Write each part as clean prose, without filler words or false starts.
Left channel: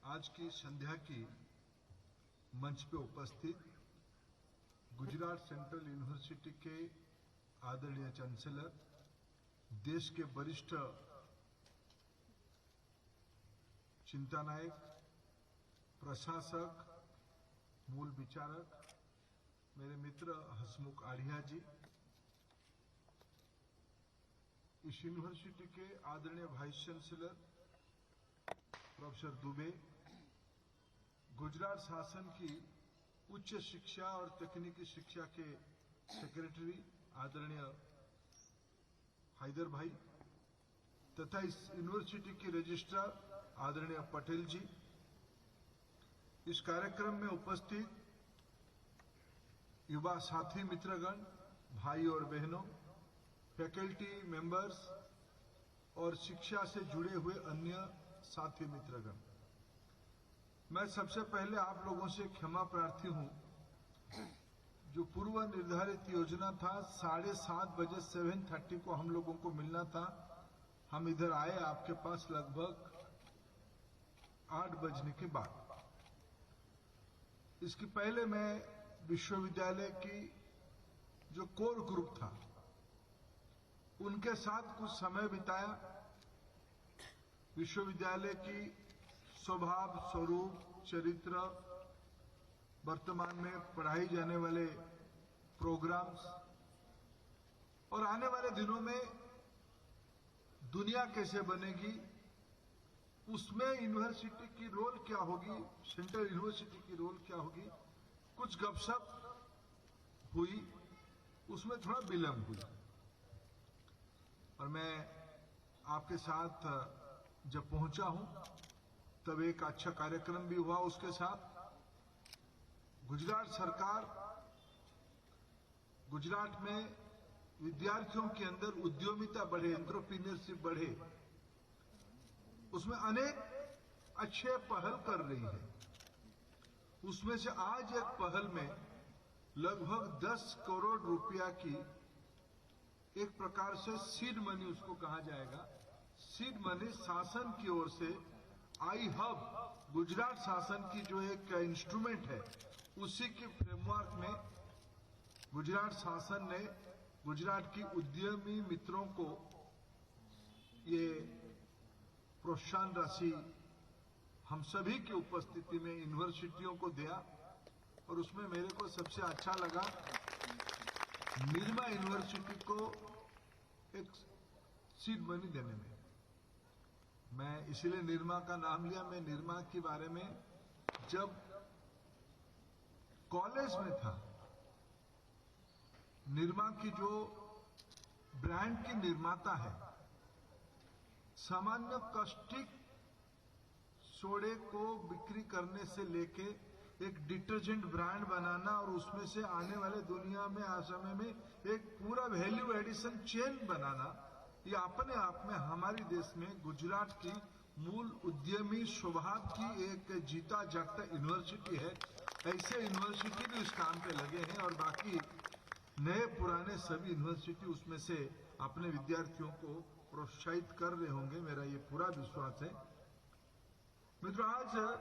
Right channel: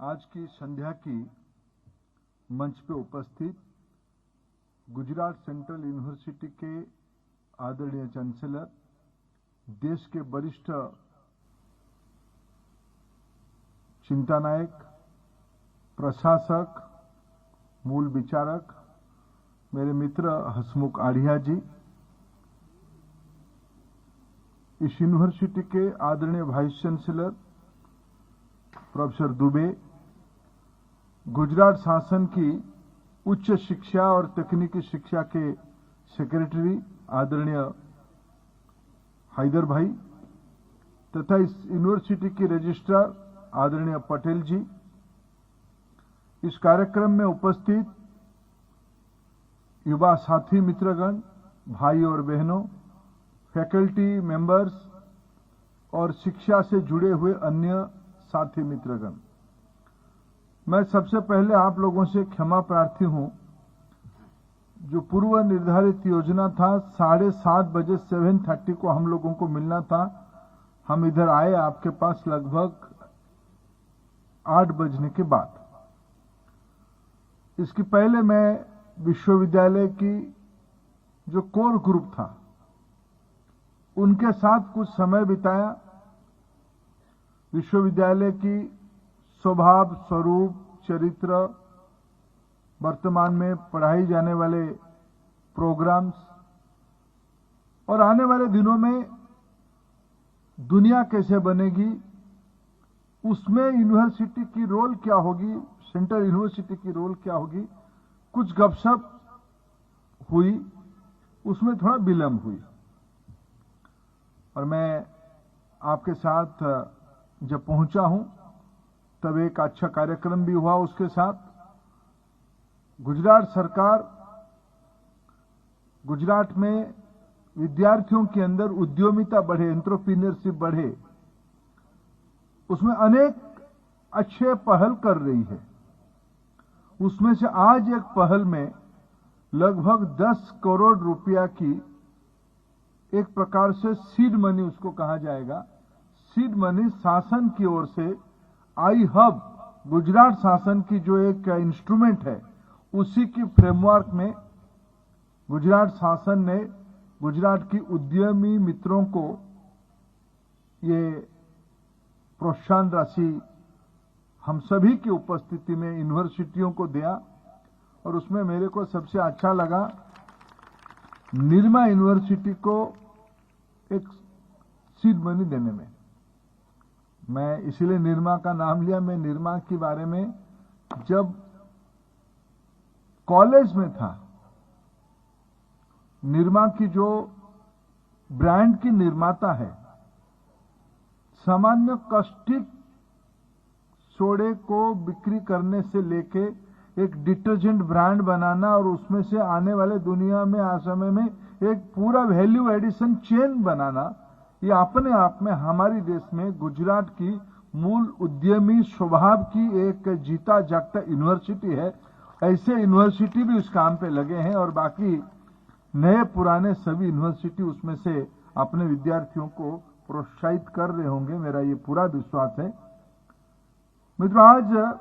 आज की संध्या की मंच पे उपस्थित गुजरात सेंट्रल यूनिवर्सिटी के आदरणीय चांसलर, देश के वरिष्ठ चिंतानायक, प्रशासक, मूल विचारक, मेरे मित्र हसमुख आढ़िया जी, इस यूनिवर्सिटी के आदरणीय vice chancellor professor Dubey, Gujarat शासन की उच्च शिक्षा और तकनीकी शिक्षा के सेक्रेटरी आदरणीय हैदर भाई तथा इस यूनिवर्सिटी की रजिस्ट्रार आदरणीय पटेल जी, इस कार्यक्रम में उपस्थित युवा साथी मित्रगण, भाई और बहनों, फैकल्टी मेंबर्स और शिक्षा से जुड़े हुए अन्य साथी मित्रगण, मैं सबसे पहले आप लोगों से क्षमा प्रार्थी हूं। जो पूर्व निर्धारित योजना था 7:30 बजे 7:30 को हम लोगों को मिलना था, हम इधर आए आपके पास लगभग 8 बजने के बाद। इसके पहले मैं विश्वविद्यालय की जो कोर ग्रुप था उनके साथ कुछ समय बिताया। विश्वविद्यालय की स्वभाव, स्वरूप, चरित्र, वर्तमान में पढ़ाई जाने वाले प्रोग्राम्स और आने वाले दिनों में दुनिया कैसे बनेगी, उसमें यूनिवर्सिटी की रोल क्या होगी, सेंट्रल यूनिवर्सिटी की रोल क्या होगी, कुछ गपशप हुई, उसमें थोड़ा विलंब हुई। और मैं आपके साथ जब पहुंचा हूं तब एक अच्छा कार्यक्रम भी हुआ। उसके साथ गुजरात सरकार गुजरात में विद्यार्थियों के अंदर उद्यमिता बढ़े, एंटरप्रेन्योरशिप बढ़े, उसमें अनेक अच्छे पहल कर रही है। उसमें से आज एक पहल में लगभग 10 करोड़ रुपया की एक प्रकार से सीड मनी उसको कहा जाएगा, सीड मनी शासन की ओर से आई हब, गुजरात शासन की जो एक इंस्ट्रूमेंट है, उसी की फ्रेमवर्क में गुजरात शासन ने गुजरात की उद्यमी मित्रों को ये प्रोत्साहन राशि हम सभी की उपस्थिति में यूनिवर्सिटियों को दिया। और उसमें मेरे को सबसे अच्छा लगा निर्मा यूनिवर्सिटी को एक सीड मनी देने में। मैं इसीलिए निर्मा का नाम लिया। मैं निर्मा के बारे में जब कॉलेज में था, निर्मा की जो ब्रांड की निर्माता है, सामान्य कास्टिक सोडे को बिक्री करने से लेके एक डिटर्जेंट ब्रांड बनाना और उसमें से आने वाले दुनिया में आज समय में एक पूरा वैल्यू एडिशन चेन बनाना, ये अपने आप में हमारी देश में गुजरात की मूल उद्यमी स्वभाव की एक जीता जागता यूनिवर्सिटी है। ऐसे यूनिवर्सिटी भी उस काम पे लगे हैं और बाकी नए पुराने सभी यूनिवर्सिटी उसमें से अपने विद्यार्थियों को प्रोत्साहित कर रहे होंगे, मेरा ये पूरा विश्वास है। मित्रों, आज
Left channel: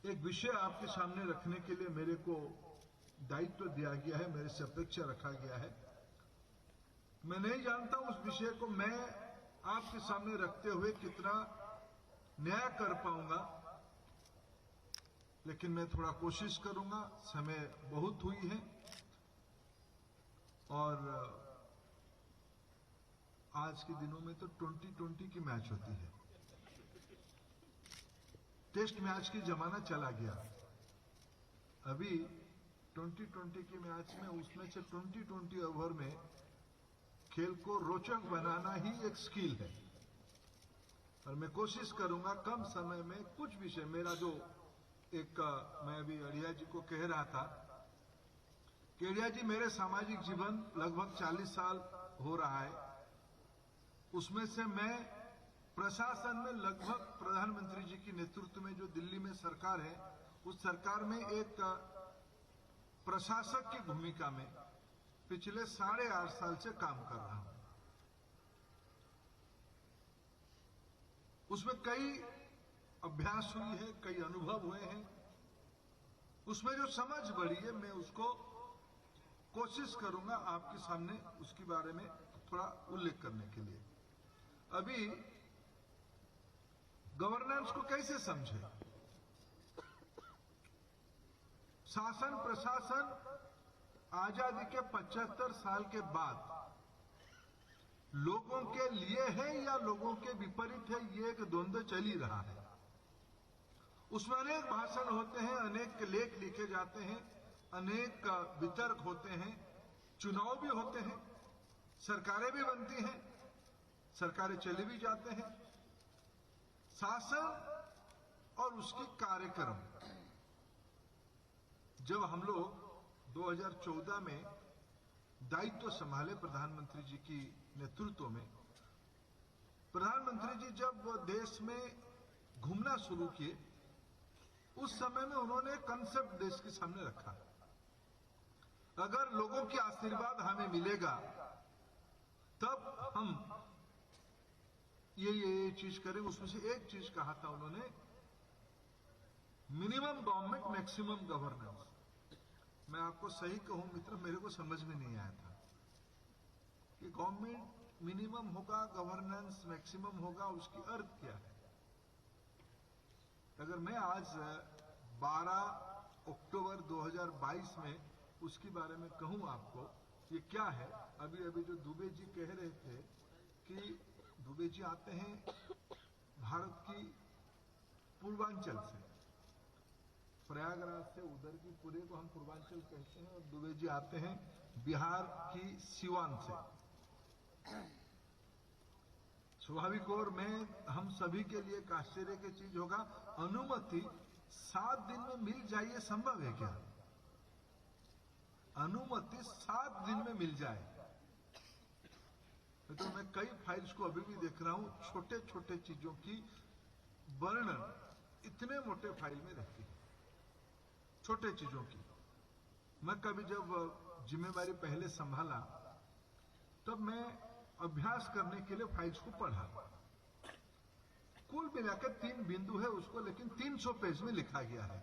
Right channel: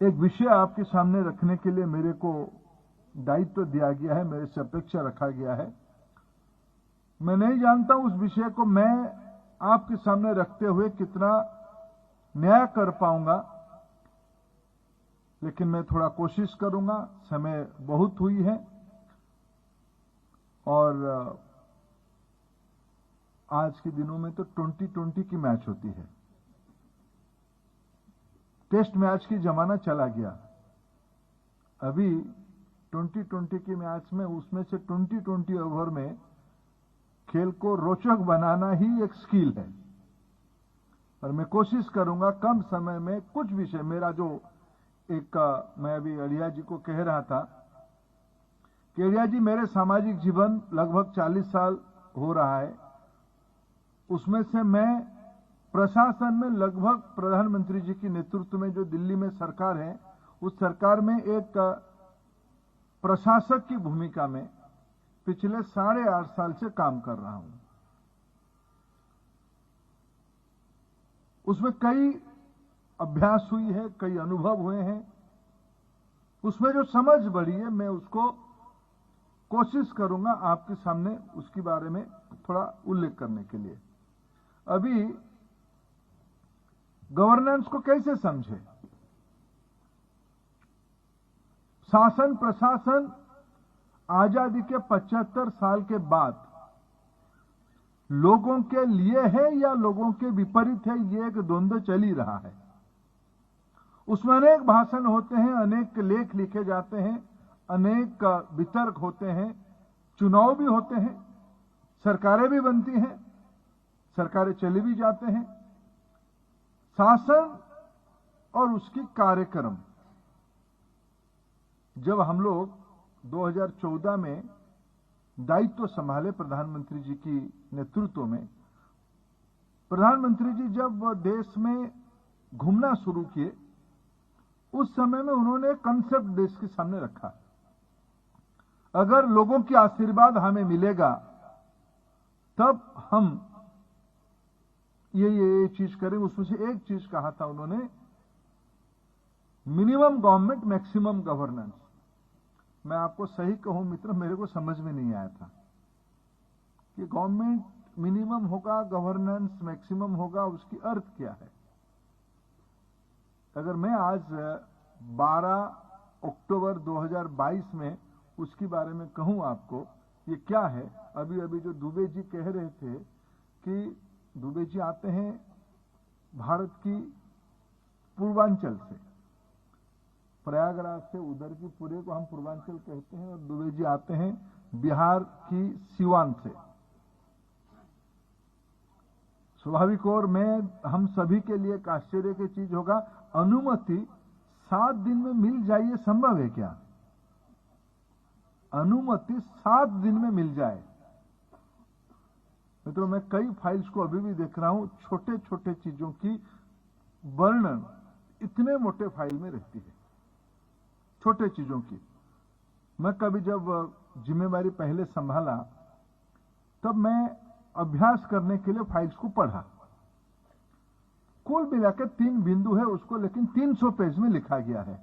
एक विषय आपके सामने रखने के लिए मेरे को दायित्व दिया गया है, मेरे से अपेक्षा रखा गया है। मैं नहीं जानता उस विषय को मैं आपके सामने रखते हुए कितना न्याय कर पाऊंगा, लेकिन मैं थोड़ा कोशिश करूंगा। समय बहुत हुई है और आज के दिनों में तो 2020 की मैच होती है, टेस्ट मैच की जमाना चला गया। अभी 2020 की मैच में उसमें से 20 ओवर में खेल को रोचक बनाना ही एक स्किल है। और मैं कोशिश करूंगा कम समय में कुछ विषय, मेरा जो एक मैं अभी अढ़िया जी को कह रहा था कि अढ़िया जी, मेरे सामाजिक जीवन लगभग 40 साल हो रहा है, उसमें से मैं प्रशासन में लगभग प्रधानमंत्री जी के नेतृत्व में जो दिल्ली में सरकार है, उस सरकार में एक प्रशासक की भूमिका में पिछले 8.5 साल से काम कर रहा हूं। उसमें कई अभ्यास हुई है, कई अनुभव हुए हैं, उसमें जो समझ बढ़ी है मैं उसको कोशिश करूंगा आपके सामने उसके बारे में थोड़ा उल्लेख करने के लिए। अभी गवर्नेंस को कैसे समझे? शासन प्रशासन आजादी के 75 साल के बाद लोगों के लिए है या लोगों के विपरीत है, ये एक द्वंद्व चल ही रहा है। उसमें अनेक भाषण होते हैं, अनेक लेख लिखे जाते हैं, अनेक वितर्क होते हैं, चुनाव भी होते हैं, सरकारें भी बनती हैं, सरकारें चले भी जाते हैं। शासन और उसकी कार्यक्रम, जब हम लोग 2014 में दायित्व संभाले प्रधानमंत्री जी की नेतृत्व में, प्रधानमंत्री जी जब देश में घूमना शुरू किए, उस समय में उन्होंने कंसेप्ट देश के सामने रखा, अगर लोगों की आशीर्वाद हमें मिलेगा तब हम ये चीज करें। उसमें से एक चीज कहा था उन्होंने, मिनिमम गवर्नमेंट मैक्सिमम गवर्नेंस। मैं आपको सही कहूं मित्र, मेरे को समझ में नहीं आया था कि गवर्नमेंट मिनिमम होगा, गवर्नेंस मैक्सिमम होगा, उसकी अर्थ क्या है। अगर मैं आज 12 अक्टूबर 2022 में उसके बारे में कहूं आपको ये क्या है, अभी अभी जो दुबे जी कह रहे थे कि दुबे जी आते हैं भारत की पूर्वांचल से, प्रयागराज से, उधर की पूरे को हम पूर्वांचल कहते हैं, और दुबे जी आते हैं बिहार की सिवान से। स्वाभाविक और मैं हम सभी के लिए एक आश्चर्य की चीज होगा, अनुमति 7 दिन में मिल जाए ये संभव है क्या? अनुमति 7 दिन में मिल जाए। मित्रों, मैं कई फाइल्स को अभी भी देख रहा हूं, छोटे छोटे चीजों की वर्णन इतने मोटे फाइल में रहती है, छोटे चीजों की। मैं कभी जब जिम्मेवारी पहले संभाला तब मैं अभ्यास करने के लिए फाइल्स को पढ़ा। कुल मिलाकर 3 बिंदु है उसको, लेकिन 300 पेज में लिखा गया है।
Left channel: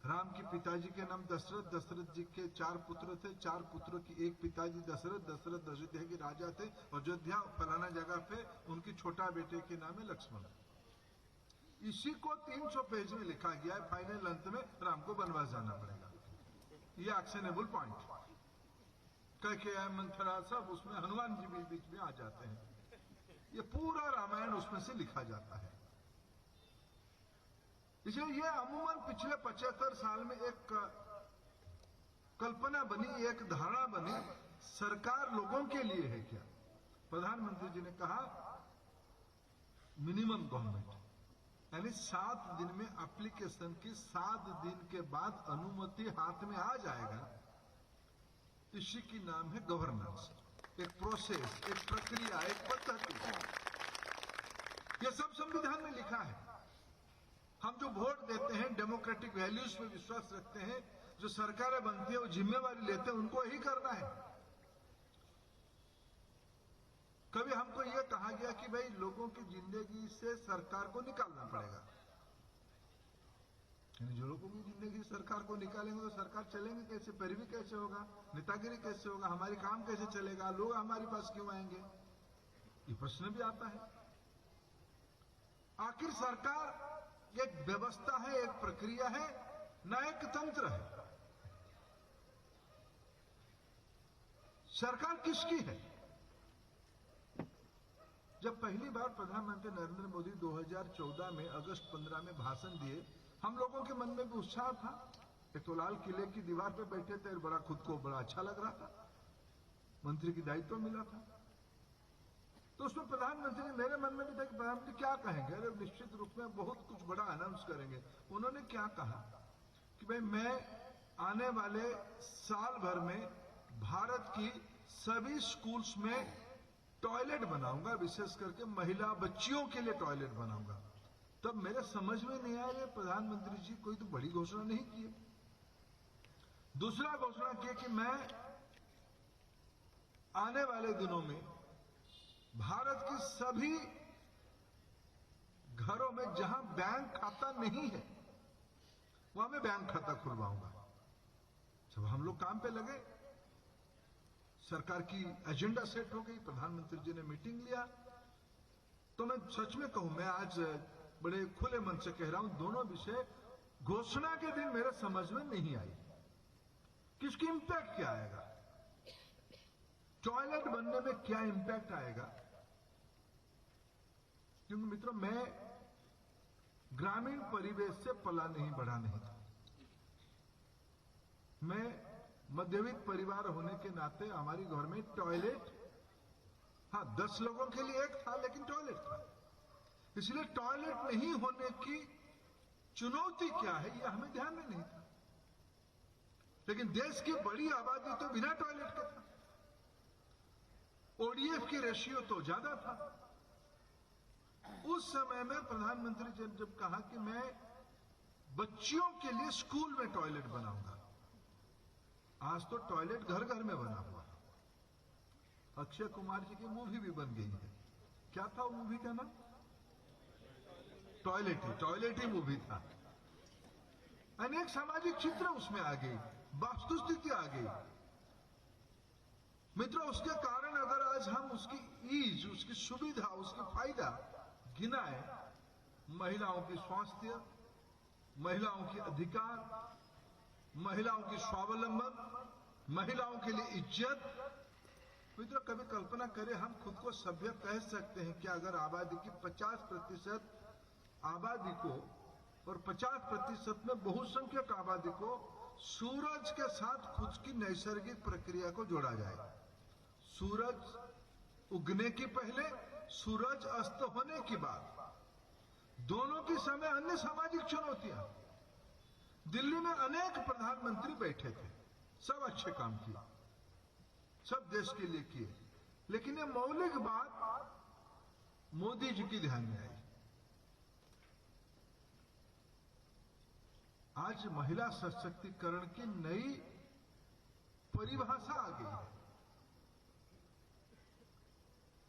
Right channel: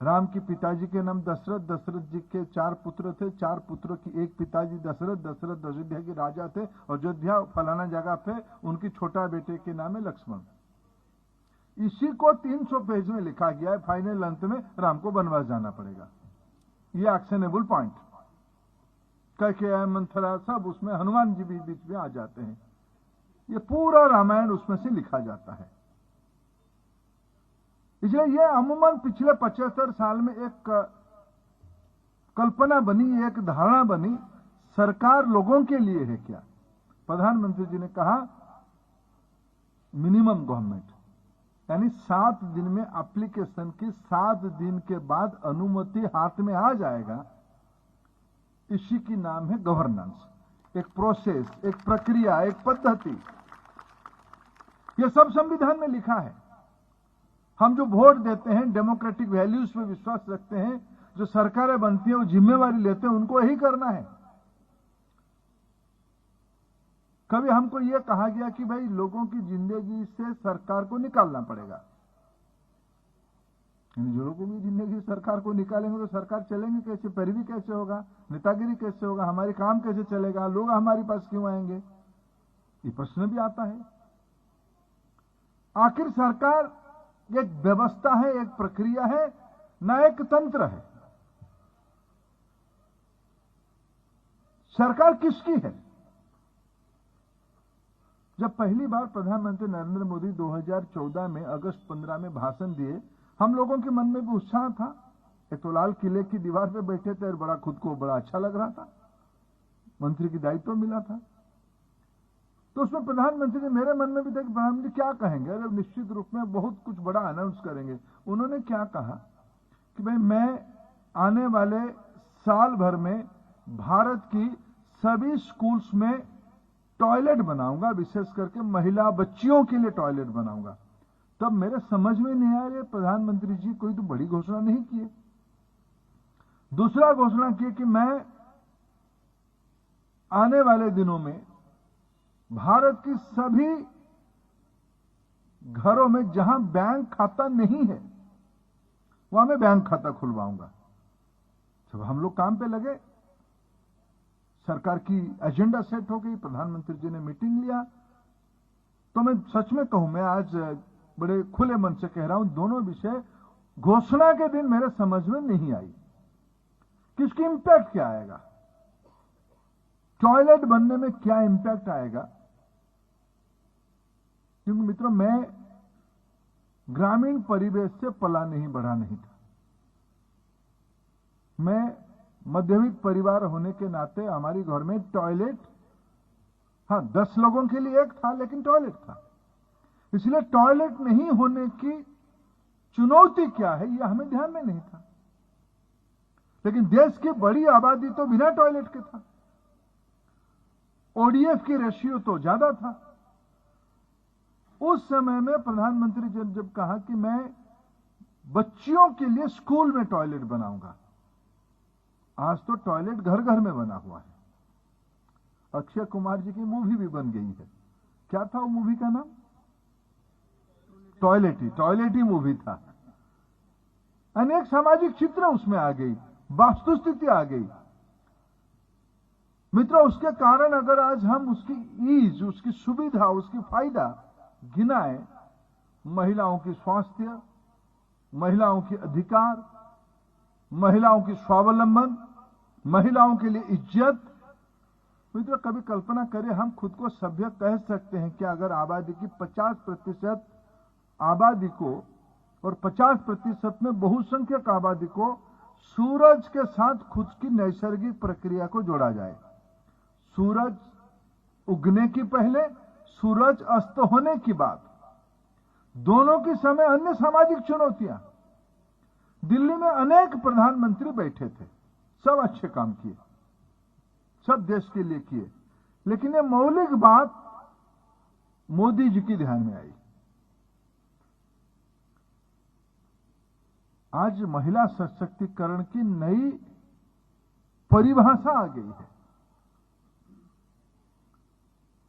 राम के पिताजी के नाम दशरथ, दशरथ जी के 4 पुत्र थे, 4 पुत्रों की एक पिताजी दशरथ, दशरथ अयोध्या के राजा थे, अयोध्या फलाना जगह पे उनकी छोटा बेटे के नाम है लक्ष्मण। इसी को 300 पेज में लिखा गया है। फाइनल अंत में राम को वनवास जाना पड़ेगा, ये एक्शनेबल पॉइंट। कैकेयी, मंथरा, सब उसमें, हनुमान जी भी बीच में आ जाते हैं। ये पूरा रामायण उसमें से लिखा जाता है। इसलिए ये अमूमन पिछले 75 साल में एक कल्पना बनी, एक धारणा बनी, सरकार लोगों के लिए है क्या। प्रधानमंत्री जी ने कहा मिनिमम गवर्नमेंट, यानी 7 दिन में एप्लीकेशन की 7 दिन के बाद अनुमति हाथ में आ जाएगा। इसी की नाम है गवर्नेंस, एक प्रोसेस, एक प्रक्रिया, एक पद्धति। यह सब संविधान में लिखा है। हम जो वोट देते हैं, डेमोक्रेटिक वैल्यूज में विश्वास रखते हैं, जो सरकारें बनती हैं वो जिम्मेवारी लेते हैं, उनको यही करना है। कभी हमको यह कहा गया कि भाई लोगों की जिंदगी से सरकार को निकालना पड़ेगा। लोगों की जिंदगी सरकार को निकालेंगे तो सरकार चलेंगे कैसे, पैरवी कैसे होगा, नेतागिरी कैसे होगा, हमारे काम कैसे चलेगा, लोग हमारे पास क्यों आएंगे, ये प्रश्न भी आता है। आखिर सरकार एक व्यवस्था है, एक प्रक्रिया है, न एक तंत्र है। सरकार किसकी है? जब पहली बार प्रधानमंत्री नरेंद्र मोदी 2014 में अगस्त 15 में भाषण दिए, हम लोगों के मन में भी उत्साह था। एक तो लाल किले की दीवार पे बैठे थे, बड़ा खुद को बड़ा अच्छा लग रहा था, मंत्री की दायित्व मिला था। तो उसमें प्रधानमंत्री ने, मेरे मन में भी था कि प्रधानमंत्री क्या कहेंगे, अगर निश्चित रूप में बहुत कुछ बड़ा अनाउंस करेंगे। उन्होंने क्या कहा कि भाई मैं आने वाले साल भर में भारत की सभी स्कूल्स में टॉयलेट बनाऊंगा, विशेष करके महिला बच्चियों के लिए टॉयलेट बनाऊंगा। तब मेरे समझ में नहीं आया, प्रधानमंत्री जी कोई तो बड़ी घोषणा नहीं की। दूसरा घोषणा की कि मैं आने वाले दिनों में भारत की सभी घरों में जहां बैंक खाता नहीं है वहां मैं बैंक खाता खुलवाऊंगा। सब हम लोग काम पे लगे, सरकार की एजेंडा सेट हो गई, प्रधानमंत्री जी ने मीटिंग लिया। तो मैं सच में कहूं, मैं आज बड़े खुले मन से कह रहा हूं, दोनों विषय घोषणा के दिन मेरे समझ में नहीं आई कि इसकी इंपैक्ट क्या आएगा, टॉयलेट बनने में क्या इंपैक्ट आएगा। क्योंकि मित्रों, मैं ग्रामीण परिवेश से पला नहीं बढ़ा नहीं था। मैं मध्यवित्त परिवार होने के नाते हमारी घर में टॉयलेट, हाँ 10 लोगों के लिए एक था, लेकिन टॉयलेट था। इसलिए टॉयलेट नहीं होने की चुनौती क्या है यह हमें ध्यान में नहीं था। लेकिन देश की बड़ी आबादी तो बिना टॉयलेट के था, ओडीएफ की रेशियो तो ज्यादा था। उस समय में प्रधानमंत्री जी जब कहा कि मैं बच्चियों के लिए स्कूल में टॉयलेट बनाऊंगा, आज तो टॉयलेट घर घर में बना हुआ है। अक्षय कुमार जी की मूवी भी बन गई है। क्या था वो मूवी का नाम? टॉयलेट ही मूवी था। अनेक सामाजिक चित्र उसमें आ गई, वास्तुस्थिति आ गई। मित्रों, उसके कारण अगर आज हम उसकी ईज, उसकी सुविधा, उसकी फायदा गिनाएं, महिलाओं की स्वास्थ्य, महिलाओं की अधिकार, महिलाओं की स्वावलंबन, महिलाओं के लिए इज्जत। मित्रों, कभी कल्पना करें, हम खुद को सभ्य कह सकते हैं कि अगर आबादी की 50% आबादी को और 50% में बहुसंख्यक आबादी को सूरज के साथ खुद की नैसर्गिक प्रक्रिया को जोड़ा जाए, सूरज उगने की पहले, सूरज अस्त होने की बाद, दोनों के समय अन्य सामाजिक चुनौतियां। दिल्ली में अनेक प्रधानमंत्री बैठे थे, सब अच्छे काम किए, सब देश के लिए किए, लेकिन ये मौलिक बात मोदी जी की ध्यान में आई। आज महिला सशक्तिकरण की नई परिभाषा आ गई है।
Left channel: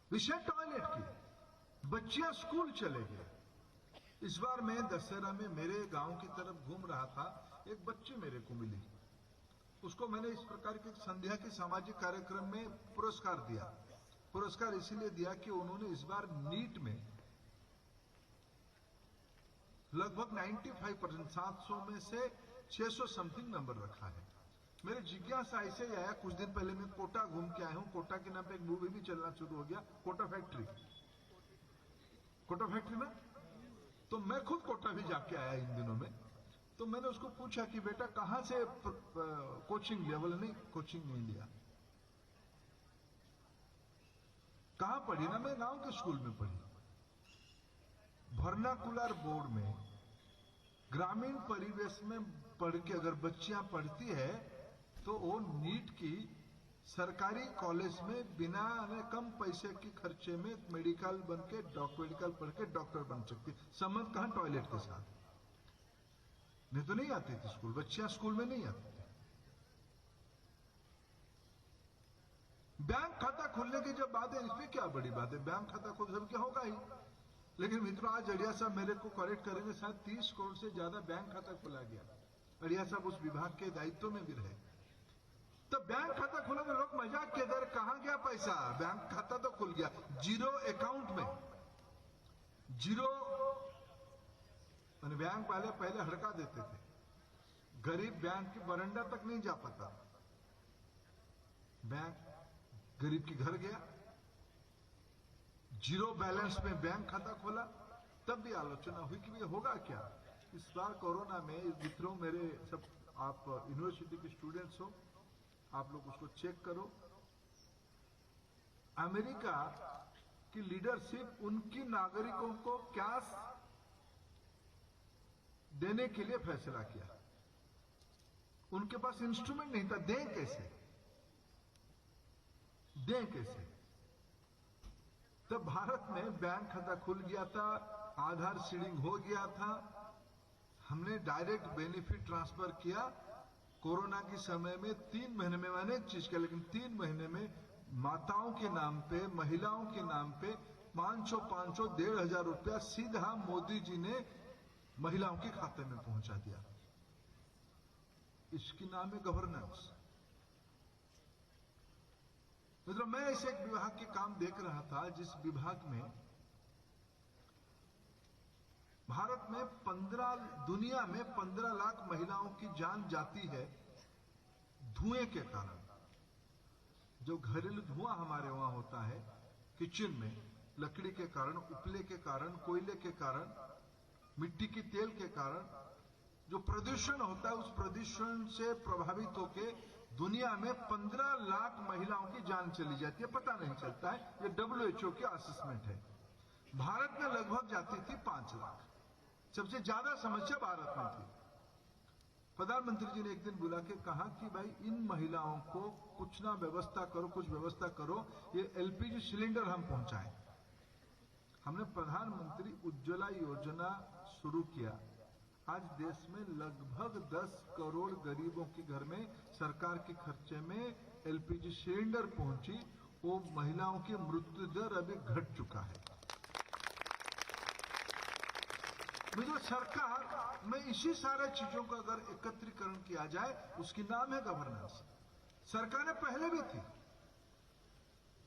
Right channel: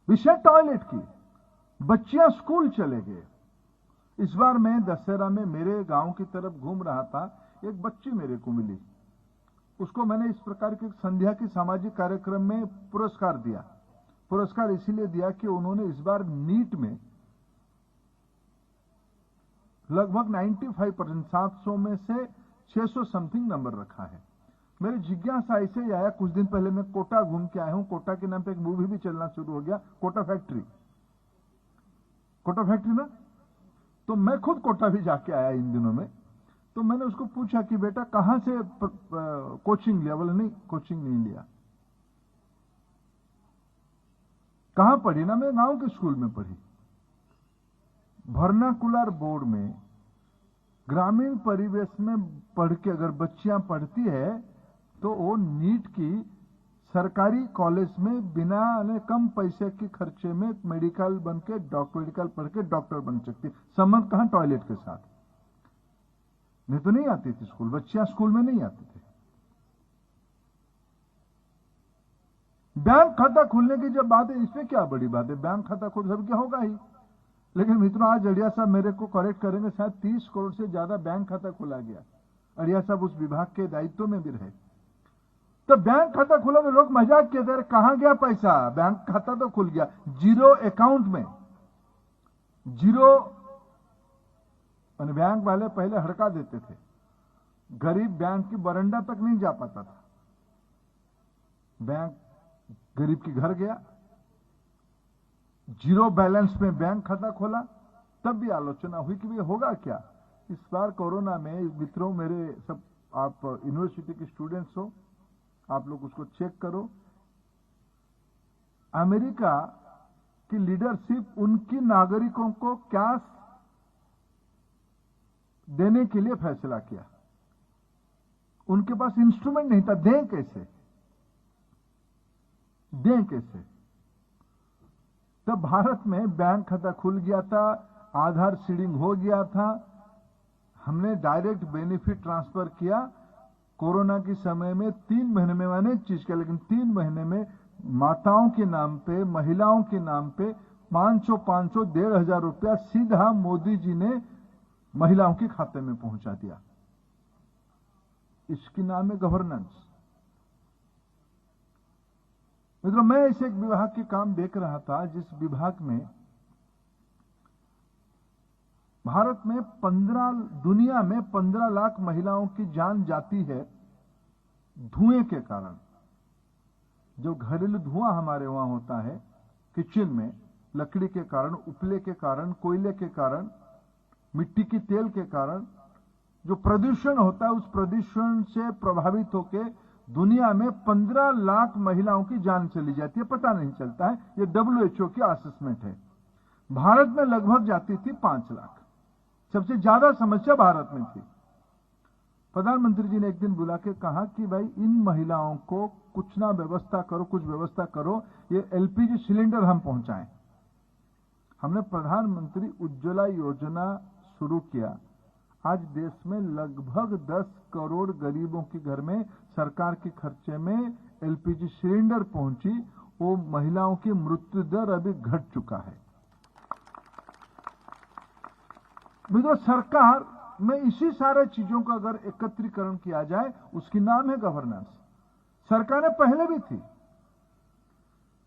विषय टॉयलेट की, बच्चियां स्कूल चले गए। इस बार मैं दशहरा में मेरे गांव की तरफ घूम रहा था, एक बच्ची मेरे को मिली। उसको मैंने इस प्रकार की संध्या की सामाजिक कार्यक्रम में पुरस्कार दिया। पुरस्कार इसीलिए दिया कि उन्होंने इस बार नीट में लगभग 95%, 700 में से 600 समथिंग नंबर रखा है। मेरी जिज्ञासा ऐसे ही आया, कुछ दिन पहले मैं कोटा घूम के आया हूं, कोटा के नाम पे एक मूवी भी चलना शुरू हो गया, कोटा फैक्ट्री में। तो मैं खुद कोटा भी जाके आया इन दिनों में। तो मैंने उसको पूछा कि बेटा कहां से कोचिंग लिया? बोले नहीं, कोचिंग नहीं लिया। कहां पढ़ी? ना मैं गांव के स्कूल में पढ़ी। वर्नाकुलर बोर्ड में ग्रामीण परिवेश में पढ़ के अगर बच्चियां पढ़ती है तो वो नीट की सरकारी कॉलेज में बिना कम पैसे के खर्चे में मेडिकल बन के मेडिकल पढ़ के डॉक्टर बन सकती। संबंध कहां? टॉयलेट के साथ। मैं तो नहीं आती थी स्कूल, बच्चियां स्कूल में नहीं आती थी। बैंक खाता खुलने की जब बात है, इसमें क्या बड़ी बात है? बैंक खाता खुल सब क्या होगा ही। लेकिन मित्रों, आज अड़िया साहब मेरे को करेक्ट करेंगे, शायद 30 करोड़ से ज्यादा बैंक खाता खुला गया। अड़िया साहब उस विभाग के दायित्व में भी रहे। तो बैंक खाता खुला तो लोग मजाक कहते हैं, कहां गया पैसा? बैंक खाता तो खुल गया, जीरो अकाउंट में। जीरो बैंक वाले पहले हड़का देते थे, गरीब बैंक की बरंडा तक नहीं जा पाता था। बैंक गरीब के घर गया, जीरो बैलेंस में बैंक खाता खोला। तब भी आलोचना हुई कि ये होगा क्या इस बार कोरोना में। मित्रों, मेरे सब आप यूनिवर्सिटी के स्टूडेंट्स हो, आप लोग उसको चेक करो। अमेरिका की लीडरशिप उनकी नागरिकों को कैश देने के लिए फैसला किया। उनके पास इंस्ट्रूमेंट नहीं था, दें कैसे? तब भारत में बैंक खाता खुल गया था, आधार सीडिंग हो गया था, हमने डायरेक्ट बेनिफिट ट्रांसफर किया। कोरोना के समय में 3 महीने में अनेक चीज किया, लेकिन 3 महीने में माताओं के नाम पे, महिलाओं के नाम पे 500 1,500 रुपया सीधा मोदी जी ने महिलाओं के खाते में पहुंचा दिया। इसकी नाम है गवर्नेंस। मित्रों, मैं ऐसे एक विभाग के काम देख रहा था जिस विभाग में भारत में दुनिया में 15 लाख महिलाओं की जान जाती है धुएं के कारण। जो घरेलू धुआं हमारे वहां होता है किचन में, लकड़ी के कारण, उपले के कारण, कोयले के कारण, मिट्टी की तेल के कारण जो प्रदूषण होता है, उस प्रदूषण से प्रभावित होकर दुनिया में 15 लाख महिलाओं की जान चली जाती है, पता नहीं चलता है। ये WHO की असेसमेंट है। भारत में लगभग जाती थी 5 लाख। सबसे ज्यादा समस्या भारत में थी। प्रधानमंत्री जी ने एक दिन बुला के कहा कि भाई इन महिलाओं को कुछ ना व्यवस्था करो, कुछ व्यवस्था करो, ये LPG सिलेंडर हम पहुंचाएं। हमने प्रधानमंत्री उज्ज्वला योजना शुरू किया। आज देश में लगभग 10 करोड़ गरीबों के घर में सरकार के खर्चे में LPG सिलेंडर पहुंची। वो महिलाओं की मृत्यु दर अभी घट चुका है। जो सरकार में इसी सारे चीजों का अगर एकत्रीकरण किया जाए, उसकी नाम है गवर्नेंस। सरकारें पहले भी थी,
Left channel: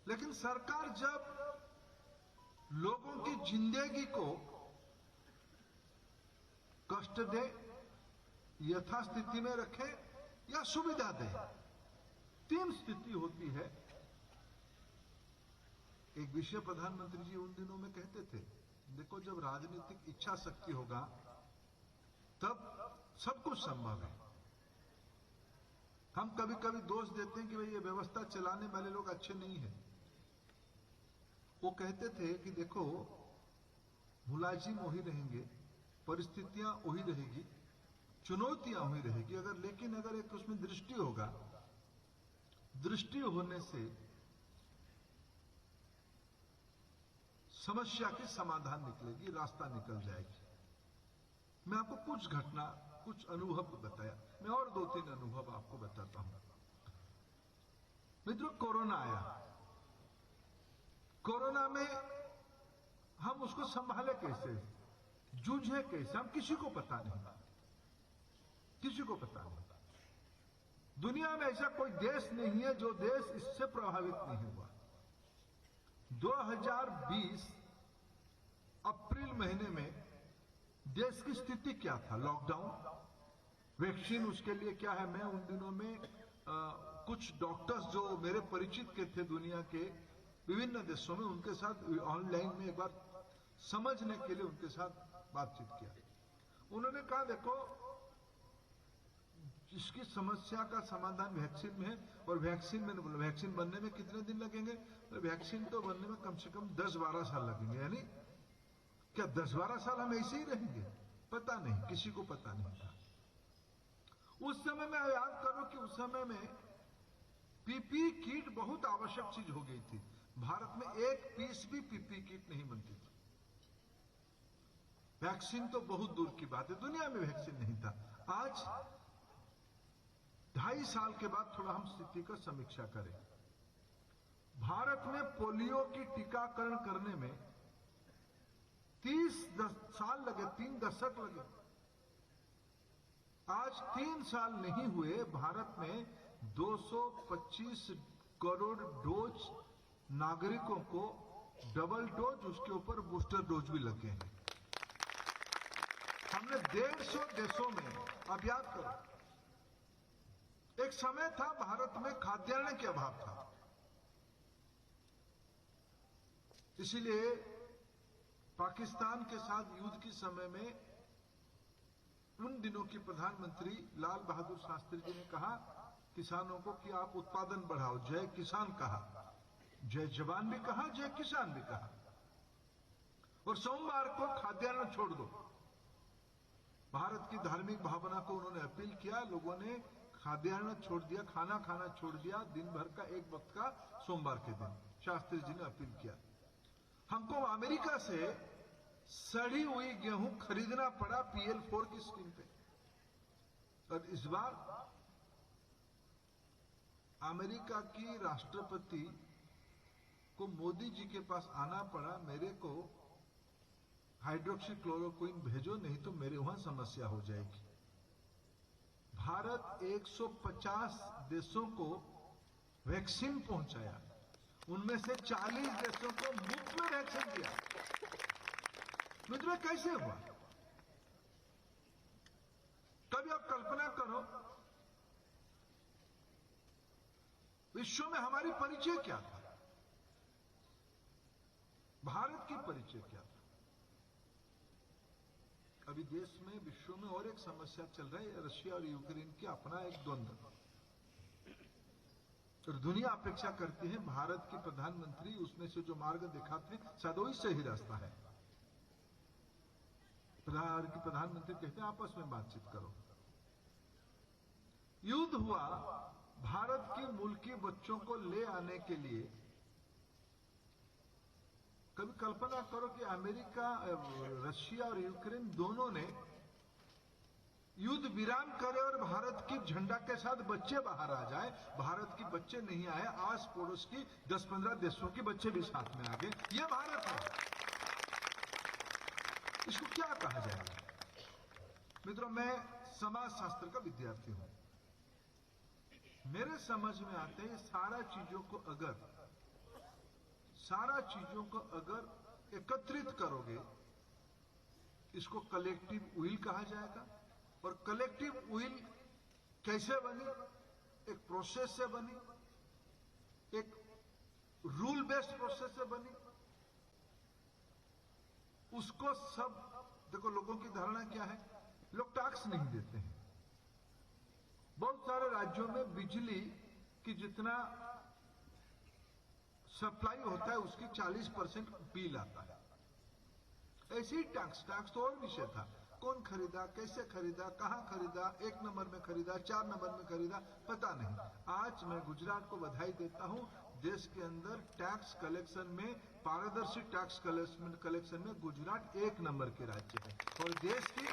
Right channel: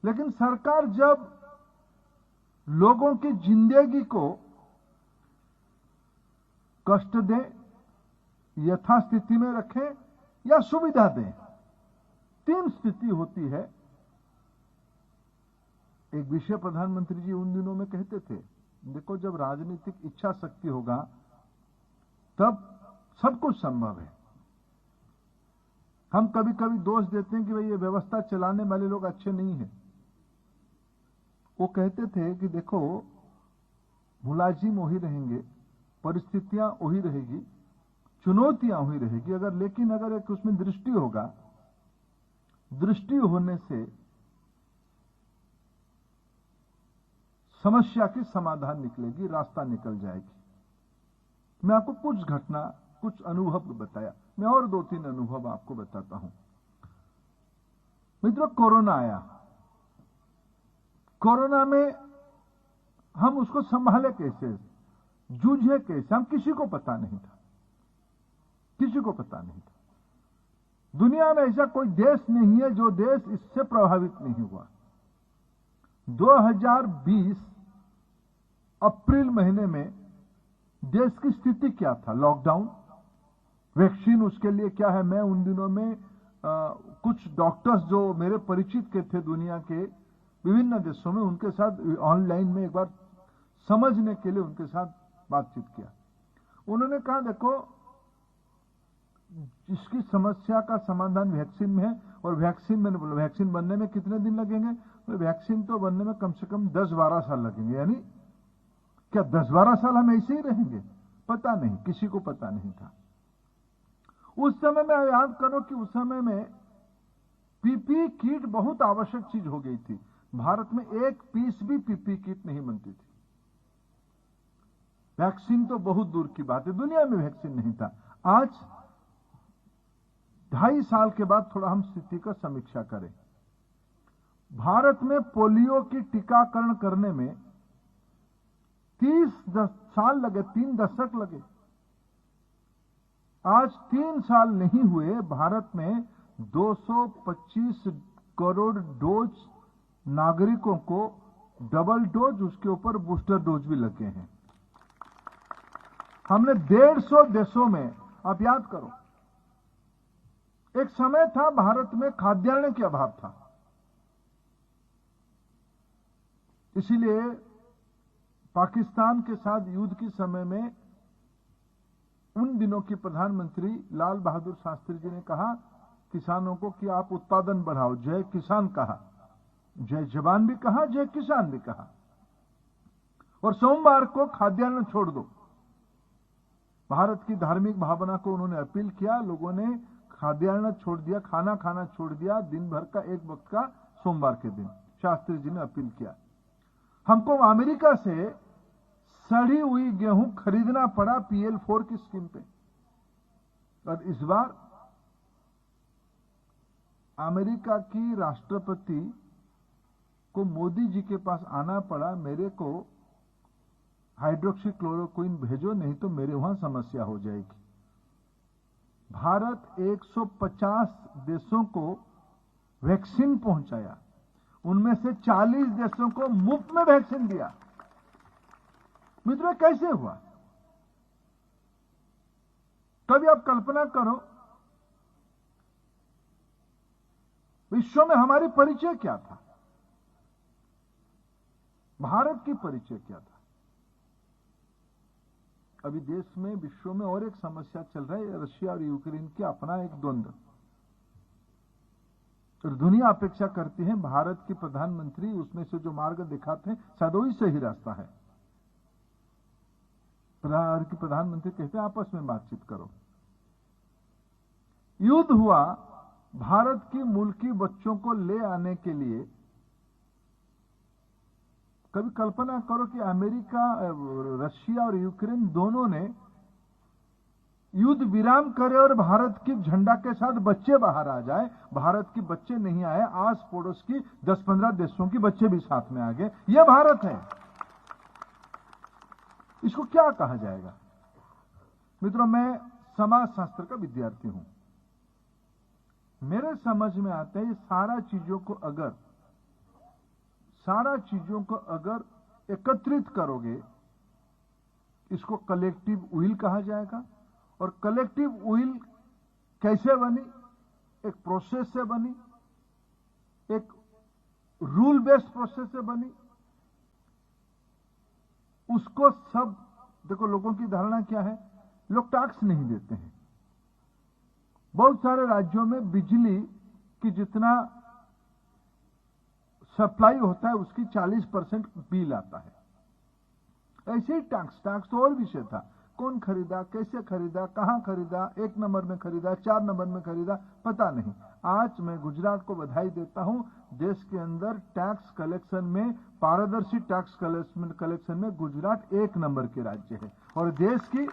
लेकिन सरकार जब लोगों की जिंदगी को कष्ट दे, यथास्थिति में रखे या सुविधा दे, 3 स्थिति होती है। एक विषय प्रधानमंत्री जी उन दिनों में कहते थे, देखो जब राजनीतिक इच्छा शक्ति होगा तब सब कुछ संभव है। हम कभी कभी दोष देते हैं कि भाई ये व्यवस्था चलाने वाले लोग अच्छे नहीं हैं। वो कहते थे कि देखो मुलाजिम वही रहेंगे, परिस्थितियां वही रहेगी, चुनौतियां वही रहेगी, लेकिन अगर एक उसमें दृष्टि होगा, दृष्टि होने से समस्या की समाधान निकलेगी, रास्ता निकल जाएगी। मैं आपको कुछ घटना, कुछ अनुभव बताया। मैं और 2-3 अनुभव आपको बताता हूं। मित्रों, कोरोना आया। कोरोना में हम उसको संभाले कैसे, जूझे कैसे, हम किसी को पता नहीं था। किसी को पता नहीं था। दुनिया में ऐसा कोई देश नहीं है जो देश इससे प्रभावित नहीं हुआ। 2020 अप्रैल महीने में देश की स्थिति क्या था? लॉकडाउन, वैक्सीन उसके लिए क्या है। मैं उन दिनों में कुछ डॉक्टर्स जो मेरे परिचित के थे दुनिया के विभिन्न देशों में, उनके साथ ऑनलाइन में एक बार समझने के लिए उनके साथ बातचीत किया। उन्होंने कहा देखो इसकी समस्या का समाधान वैक्सीन में है। और वैक्सीन, मैंने बोला वैक्सीन बनने में कितने दिन लगेंगे? तो वैक्सीन तो बनने में कम से कम 10-12 साल लगेंगे। यानी क्या 10-12 साल हम ऐसे ही रहेंगे? पता नहीं, किसी को पता नहीं था। उस समय में याद करो कि उस समय में पीपी किट बहुत आवश्यक चीज हो गई थी। भारत में एक पीस भी पीपी किट नहीं बनती थी। वैक्सीन तो बहुत दूर की बात है, दुनिया में वैक्सीन नहीं था। आज 2.5 साल के बाद थोड़ा हम स्थिति का समीक्षा करें। भारत में पोलियो की टीकाकरण करने में 30 साल लगे, 3 दशक लगे। आज 3 साल नहीं हुए, भारत में 225 करोड़ डोज नागरिकों को डबल डोज, उसके ऊपर बूस्टर डोज भी लगे हैं। हमने 150 देशों में, आप याद करो, एक समय था भारत में खाद्यान्न की अभाव था। इसीलिए पाकिस्तान के साथ युद्ध के समय में उन दिनों की प्रधानमंत्री लाल बहादुर शास्त्री जी ने कहा किसानों को कि आप उत्पादन बढ़ाओ। जय किसान कहा, जय जवान भी कहा, जय किसान भी कहा। और सोमवार को खाद्यान्न छोड़ दो। भारत की धार्मिक भावना को उन्होंने अपील किया। लोगों ने खाद्यान्न छोड़ दिया, खाना खाना छोड़ दिया, दिन भर का एक वक्त का सोमवार के दिन शास्त्री जी ने अपील किया। हमको अमेरिका से सड़ी हुई गेहूं खरीदना पड़ा PL4 की स्कीम पे। और इस बार अमेरिका की राष्ट्रपति को मोदी जी के पास आना पड़ा, मेरे को हाइड्रोक्सीक्लोरोक्विन भेजो, नहीं तो मेरे वहां समस्या हो जाएगी। भारत 150 देशों को वैक्सीन पहुंचाया, उनमें से 40 देशों को मुफ्त में वैक्सीन दिया। मित्रों, कैसे हुआ? कभी आप कल्पना करो, विश्व में हमारी परिचय क्या था, भारत की परिचय क्या था। अभी देश में, विश्व में और एक समस्या चल रही है, रशिया और यूक्रेन के अपना एक द्वंद्व। तो दुनिया अपेक्षा करती है भारत के प्रधानमंत्री उसमें से जो मार्ग दिखाते हैं शायद वही सही रास्ता है। भारत के प्रधानमंत्री कहते हैं आपस में बातचीत करो। युद्ध हुआ, भारत की मुल्की बच्चों को ले आने के लिए। कभी कल्पना करो कि अमेरिका, रशिया और यूक्रेन दोनों ने युद्ध विराम करे और भारत की झंडा के साथ बच्चे बाहर आ जाए। भारत की बच्चे नहीं आए, आस पड़ोस की 10-15 देशों के बच्चे भी साथ में आ गए। यह भारत है। इसको क्या कहा जाएगा? मित्रों, मैं समाज शास्त्र का विद्यार्थी हूं। मेरे समझ में आता है सारा चीजों को अगर एकत्रित करोगे, इसको कलेक्टिव विल कहा जाएगा। और कलेक्टिव विल कैसे बनी? एक प्रोसेस से बनी, एक रूल बेस्ड प्रोसेस से बनी। उसको सब देखो, लोगों की धारणा क्या है, लोग टैक्स नहीं देते हैं। बहुत सारे राज्यों में बिजली की जितना सप्लाई होता है उसकी 40% बिल आता है। ऐसे ही टैक्स तो और विषय था, कौन खरीदा, कैसे खरीदा, कहां खरीदा, 1 नंबर में खरीदा, 4 नंबर में खरीदा, पता नहीं। आज मैं गुजरात को बधाई देता हूं, देश के अंदर टैक्स कलेक्शन में, पारदर्शी टैक्स कलेक्शन में गुजरात 1 नंबर के राज्य है। और देश की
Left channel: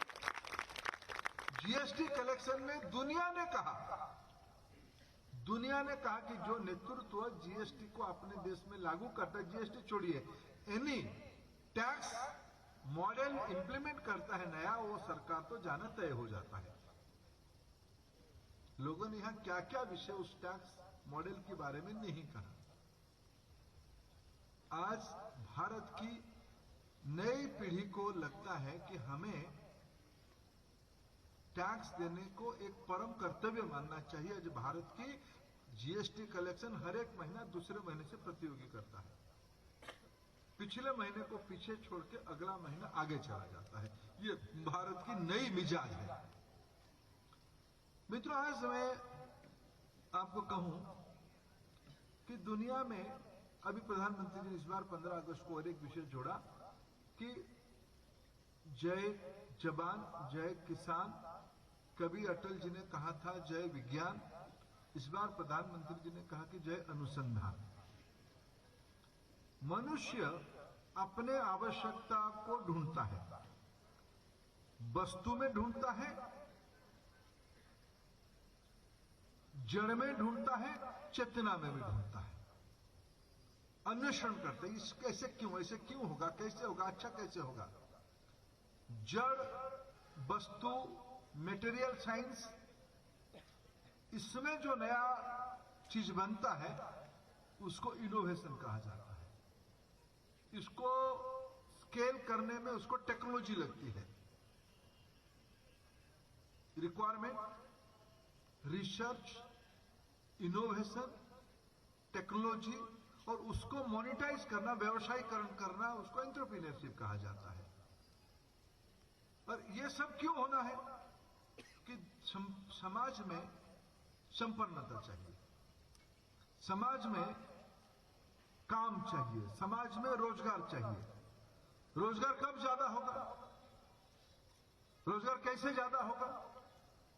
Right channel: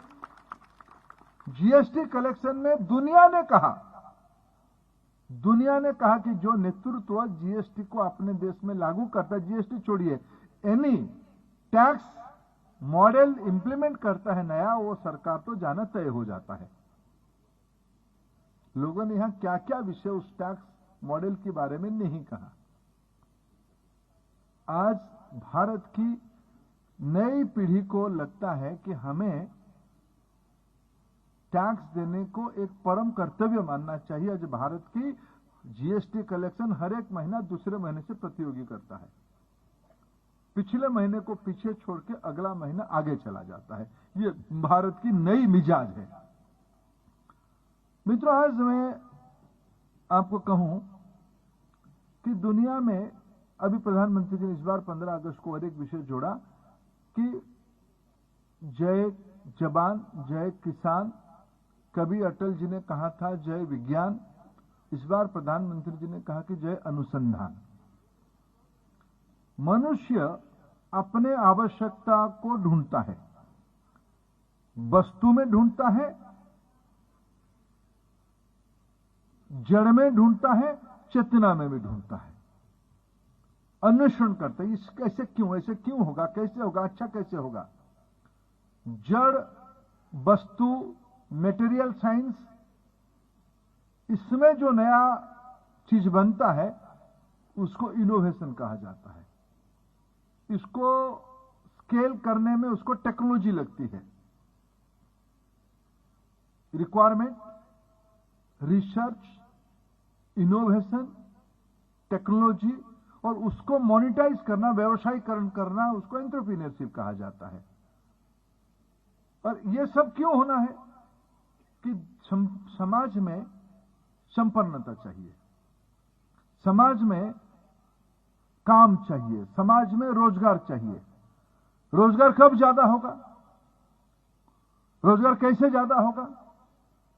जीएसटी कलेक्शन में दुनिया ने कहा कि जो नेतृत्व जीएसटी को अपने देश में लागू करता है, जीएसटी छोड़िए, एनी टैक्स मॉडल इंप्लीमेंट करता है नया, वो सरकार तो जाना तय हो जाता है। लोगों ने यहां क्या क्या विषय उस टैक्स मॉडल के बारे में नहीं कहा। आज भारत की नई पीढ़ी को लगता है कि हमें टैक्स देने को एक परम कर्तव्य मानना चाहिए। आज भारत की जीएसटी कलेक्शन हर एक महीना दूसरे महीने से प्रतियोगी करता है। पिछले महीने को पीछे छोड़ के अगला महीना आगे चला जाता है। ये भारत की नई मिजाज है। मित्रों, आज मैं आपको कहूं कि दुनिया में अभी प्रधानमंत्री जी ने इस बार 15 अगस्त को और एक विषय जोड़ा कि जय जवान जय किसान। कभी अटल जी ने कहा था जय विज्ञान, इस बार प्रधानमंत्री जी ने कहा कि जय अनुसंधान। मनुष्य अपने आवश्यकता को ढूंढता है, वस्तु में ढूंढता है, जड़ में ढूंढता है, चेतना में भी ढूंढता है, अन्वेषण करता है। इस कैसे क्यों, ऐसे क्यों होगा, कैसे होगा, अच्छा कैसे होगा। जड़ वस्तु, मेटेरियल साइंस, इसमें जो नया चीज बनता है उसको इनोवेशन कहा जाता है। इसको स्केल करने में उसको टेक्नोलॉजी लगती है। रिक्वायरमेंट, रिसर्च, इनोवेशन, टेक्नोलॉजी, और उसको मोनिटाइज करना, व्यवसायीकरण करना, उसको एंटरप्रेन्योरशिप कहा जाता है। और यह सब क्यों होना है कि समाज में संपन्नता चाहिए, समाज में काम चाहिए, समाज में रोजगार चाहिए। रोजगार कब ज्यादा होगा, रोजगार कैसे ज्यादा होगा?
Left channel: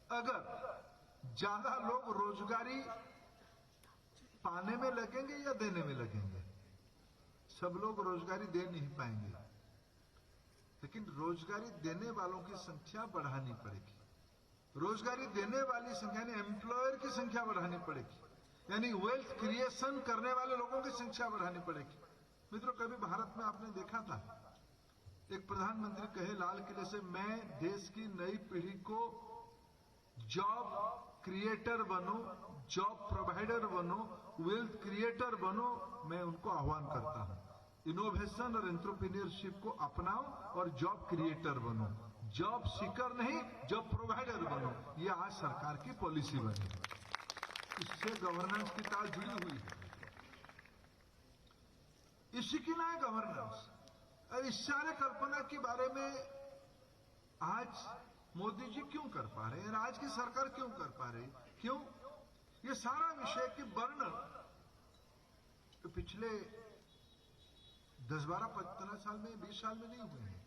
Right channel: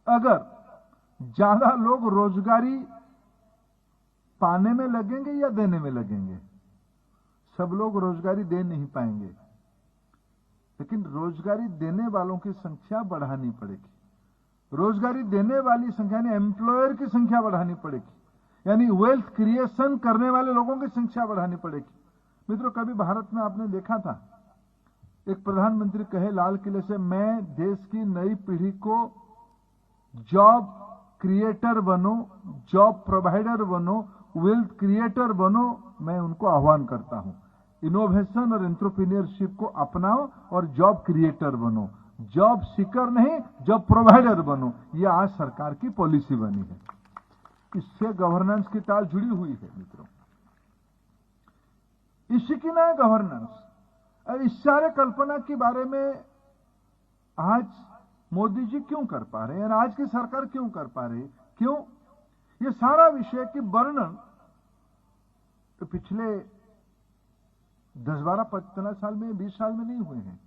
अगर ज्यादा लोग रोजगारी पाने में लगेंगे या देने में लगेंगे। सब लोग रोजगारी दे नहीं पाएंगे, लेकिन रोजगारी देने वालों की संख्या बढ़ानी पड़ेगी। रोजगारी देने वाली संख्या ने एम्प्लॉयर की संख्या बढ़ानी पड़ेगी। यानी वेल्थ क्रिएशन करने वाले लोगों की संख्या बढ़ानी पड़ेगी। मित्रों, कभी भारत में आपने देखा था एक प्रधानमंत्री कहे लाल किले से, मैं देश की नई पीढ़ी को जॉब क्रिएटर बनो, जॉब प्रोवाइडर बनो, वेल्थ क्रिएटर बनो, मैं उनको आह्वान करता हूं। इनोवेशन और एंटरप्रेन्योरशिप को अपनाओ और जॉब क्रिएटर बनो, जॉब सीकर नहीं, जॉब प्रोवाइडर बनो। यह आज सरकार की पॉलिसी बनी है। इससे गवर्नेंस की तार जुड़ी हुई है मित्रों। इसी की ना है गवर्नेंस। इस सारे कल्पना के बारे में आज मोदी जी क्यों कर पा रहे हैं, आज की सरकार क्यों कर पा रही, क्यों? ये सारा विषय की वर्णन तो पिछले 10, 12, 15 साल में, 20 साल में नहीं हुए हैं।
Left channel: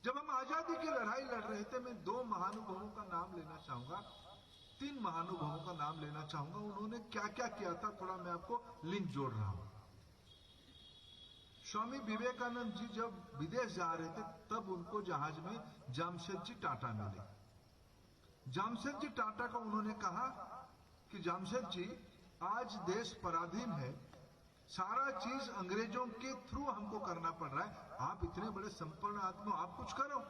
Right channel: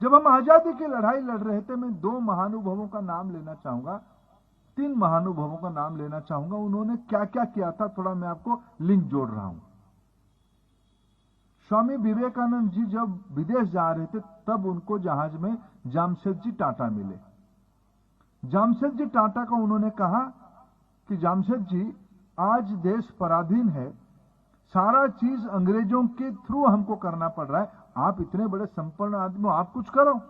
जब हम आजादी की लड़ाई लड़ रहे थे, मैं 2 महानुभवों का नाम लेना चाहूंगा, 3 महानुभवों का नाम लेना चाहूंगा। उन्होंने क्या क्या किया था, थोड़ा मैं आपको लिंक जोड़ रहा हूं। स्वामी विवेकानंद जी जब विदेश जा रहे थे, तब उनको जहाज में जामशेदजी टाटा मिले। जामशेदजी टाटा को उन्होंने कहा कि जामशेदजी, आज देश पराधीन है, सारा चीज अंग्रेजों के थ्रू हमको करना पड़ रहा है, आप इतने बड़े संपन्न आदमी हो, आप कुछ करो।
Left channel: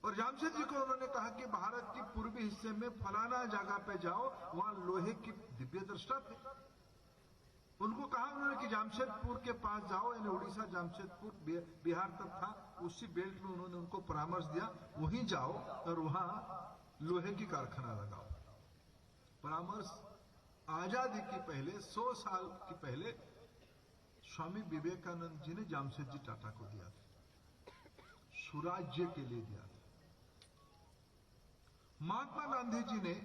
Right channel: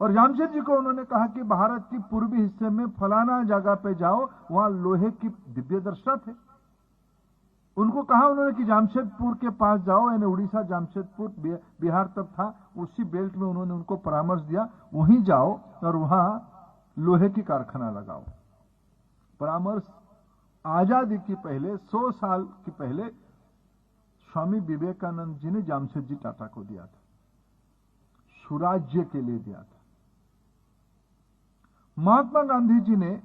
और जामशेदजी को उन्होंने कहा कि भारत की पूर्वी हिस्से में फलाना जगह पे जाओ, वहां लोहे की दिव्य दर्शा थे। उनको कहा उन्होंने कि जामशेदपुर के पास जाओ, यानी उड़ीसा, जामशेदपुर बिहार तक था, उसी बेल्ट में उन्होंने उनको परामर्श दिया, वहीं जाओ और वहां लोहे की कारखाना लगाओ। परामर्श आजादी की पहले 100 साल की पहले स्वामी विवेकानंद जी ने जामशेदजी टाटा को दिया था, सुराज्य के लिए दिया था। महात्मा गांधी जी ने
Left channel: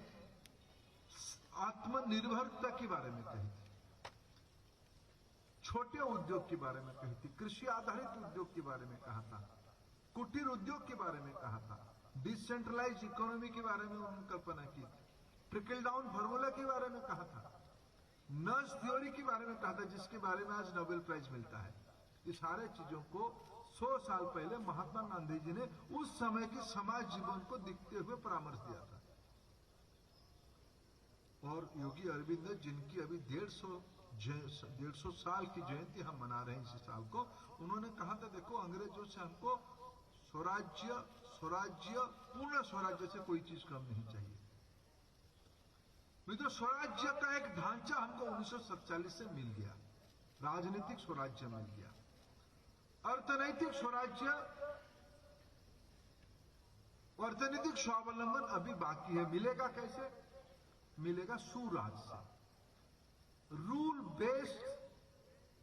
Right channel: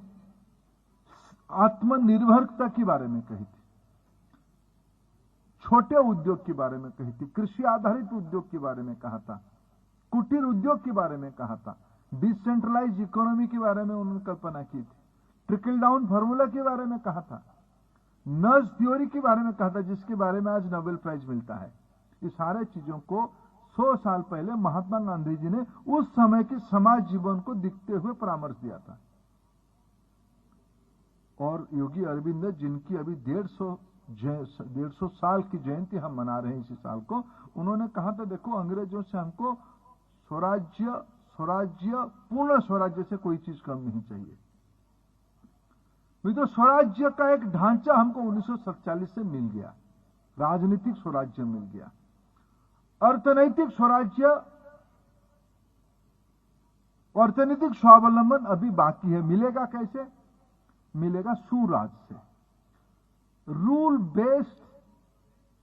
आत्मनिर्भरता के बारे में कही थी, छोटे उद्योग के बारे में कही थी, कृषि आधारित उद्योग के बारे में कहा था, कुटीर उद्योग के बारे में कहा था, डिसेंट्रलाइज इकोनॉमी के बारे में उन्होंने कल्पना की थी, ट्रिकल डाउन फॉर्मूला के बारे में कहा था, नज थ्योरी के बारे में कहा था, जिसके बारे में आज नोबेल प्राइज मिलता है। ये सारे चीजों को 100 साल पहले महात्मा गांधी जी ने उस समय के समाज जीवन को दिखते हुए परामर्श दिया था। और योगी अरविंद, जिनकी अभी 150 साल की जयंती हम मना रहे हैं इसी साल को, उन्होंने कहा था, देखो अंग्रेजों से हमको स्वराज्य, पूर्ण स्वराज्य से कोई चीज कम नहीं चाहिए। तो स्वराज्य का एक ढांचा हमको 1947 से मिल गया, राजनीतिक स्वराज्य मिल गया। अर्थनैतिक स्वराज्य, अर्थनैतिक स्वावलंबन अभी बाकी है। मिलेगा कैसे? मिलेगा सुराज से। रूल बेस्ड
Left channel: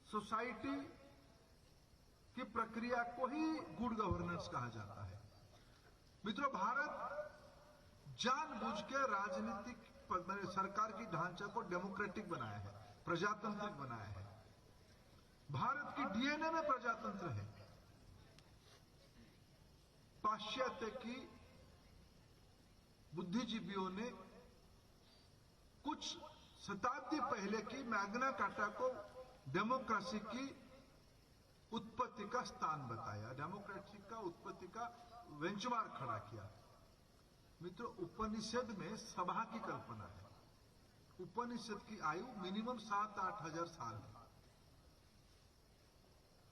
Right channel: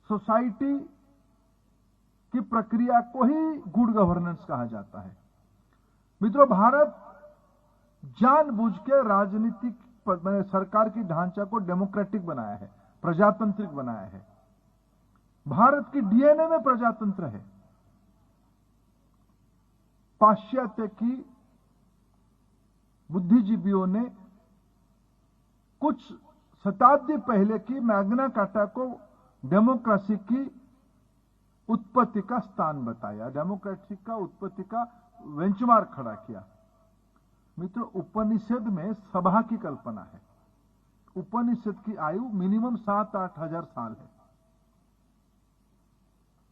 सोसाइटी की प्रक्रिया को ही गुड गवर्नेंस कहा जाता है। मित्रों, भारत जानबूझ के राजनीतिक सरकार की ढांचा को डेमोक्रेटिक बनाया है, प्रजातांत्रिक बनाया है। भारत की डीएनए में प्रजातंत्र है। पाश्चात्य की बुद्धिजीवियों ने कुछ शताब्दी पहले की मैग्ना कार्टा को डेमोक्रेसी की उत्पत्ति का स्थान बताया, डेमोक्रेसी का उत्पत्ति का बेंचमार्क खड़ा किया। मित्रों, उपनिषद में सभा की कल्पना है। उपनिषद की आयु मिनिमम 7-8 हजार साल है।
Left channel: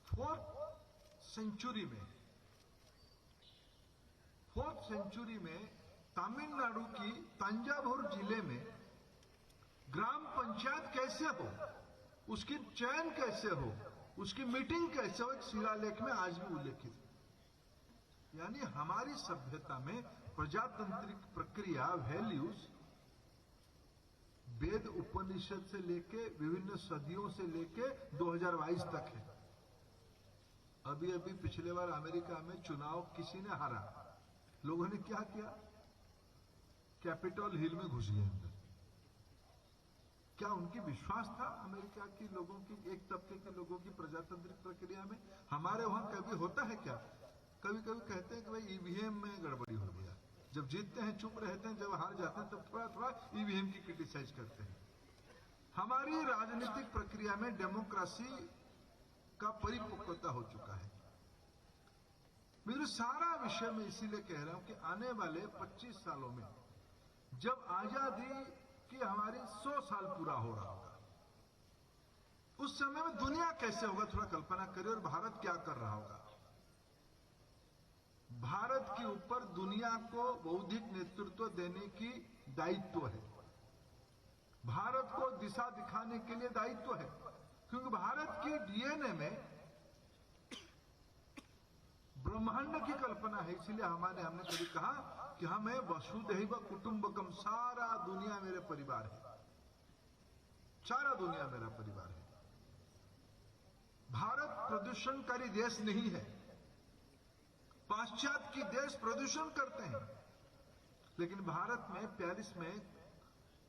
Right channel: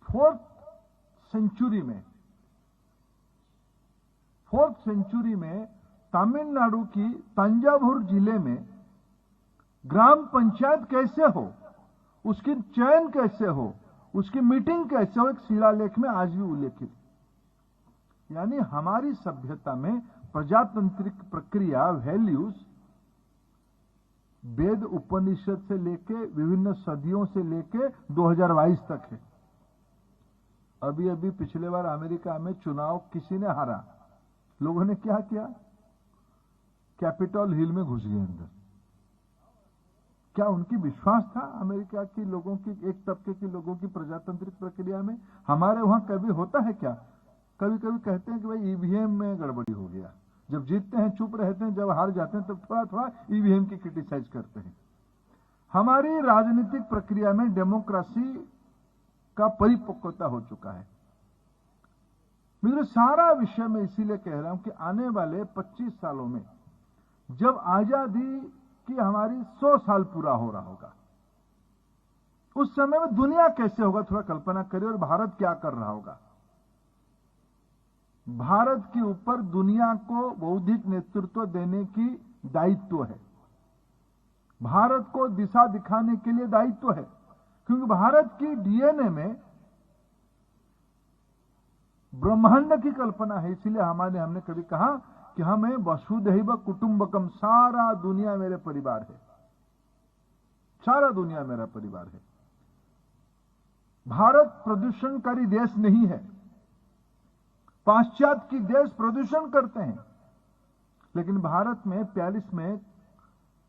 4th सेंचुरी में तमिलनाडु की तंजावुर जिले में ग्राम पंचायत कैसे हो, उसकी चयन कैसे हो, उसकी मीटिंग कैसे हो, एक शिलालेख में आज भी उल्लेखित। यानी हमारी सभ्यता में प्रजातांत्रिक प्रक्रिया, वैल्यूज वेद उपनिषद से लेके विभिन्न सदियों से लेके 2022 तक है। अभी अभी पिछले बार अमेरिका में चुनाव किसी ने हारा, लोगों ने क्या किया? कैपिटल हिल में घुस गए अंदर। क्या उनकी विश्वास था अमेरिका के लोगों की, एक तबके के लोगों की प्रजातांत्रिक प्रक्रिया में? हमारे वहां कभी होता है क्या? कभी कभी कहते हैं कि भाई ईवीएम में गड़बड़ी हो गया। जब जीतते हैं चुप रहते हैं, जब हार जाते हैं तो थोड़ा थोड़ा ईवीएम की क्रिटिसाइज करते हैं। हमारी राजनीतिक प्रक्रिया में डेमोक्रेसी का परिपक्वता हो चुका है। मेरे सारा विषय में इसीलिए कह रहा हूं कि आने वाले 25 सालों में जब आजादी कि हमारी 100 साल पूरा हो रहा होगा। उस समय में दुनिया कैसे होगा, थोड़ा कल्पना करिए, और भारत क्या कर रहा होगा। भारत के ऊपर दुनिया को बौद्धिक नेतृत्व देने की दायित्व है, भारत को दिशा दिखाने के लिए दायित्व है, क्योंकि भारत की डीएनए में ब्रह्मांड की कल्पना है। इसलिए हमने कभी कहा कि हमें वसुधैव कुटुंबकम, सारा दुनिया मेरे परिवार है, सारा दुनिया मेरा परिवार है। भारत प्रदूषणकारी देश नहीं है। पाश्चात्य की देश प्रदूषण करते हैं, लेकिन भारत में 42 में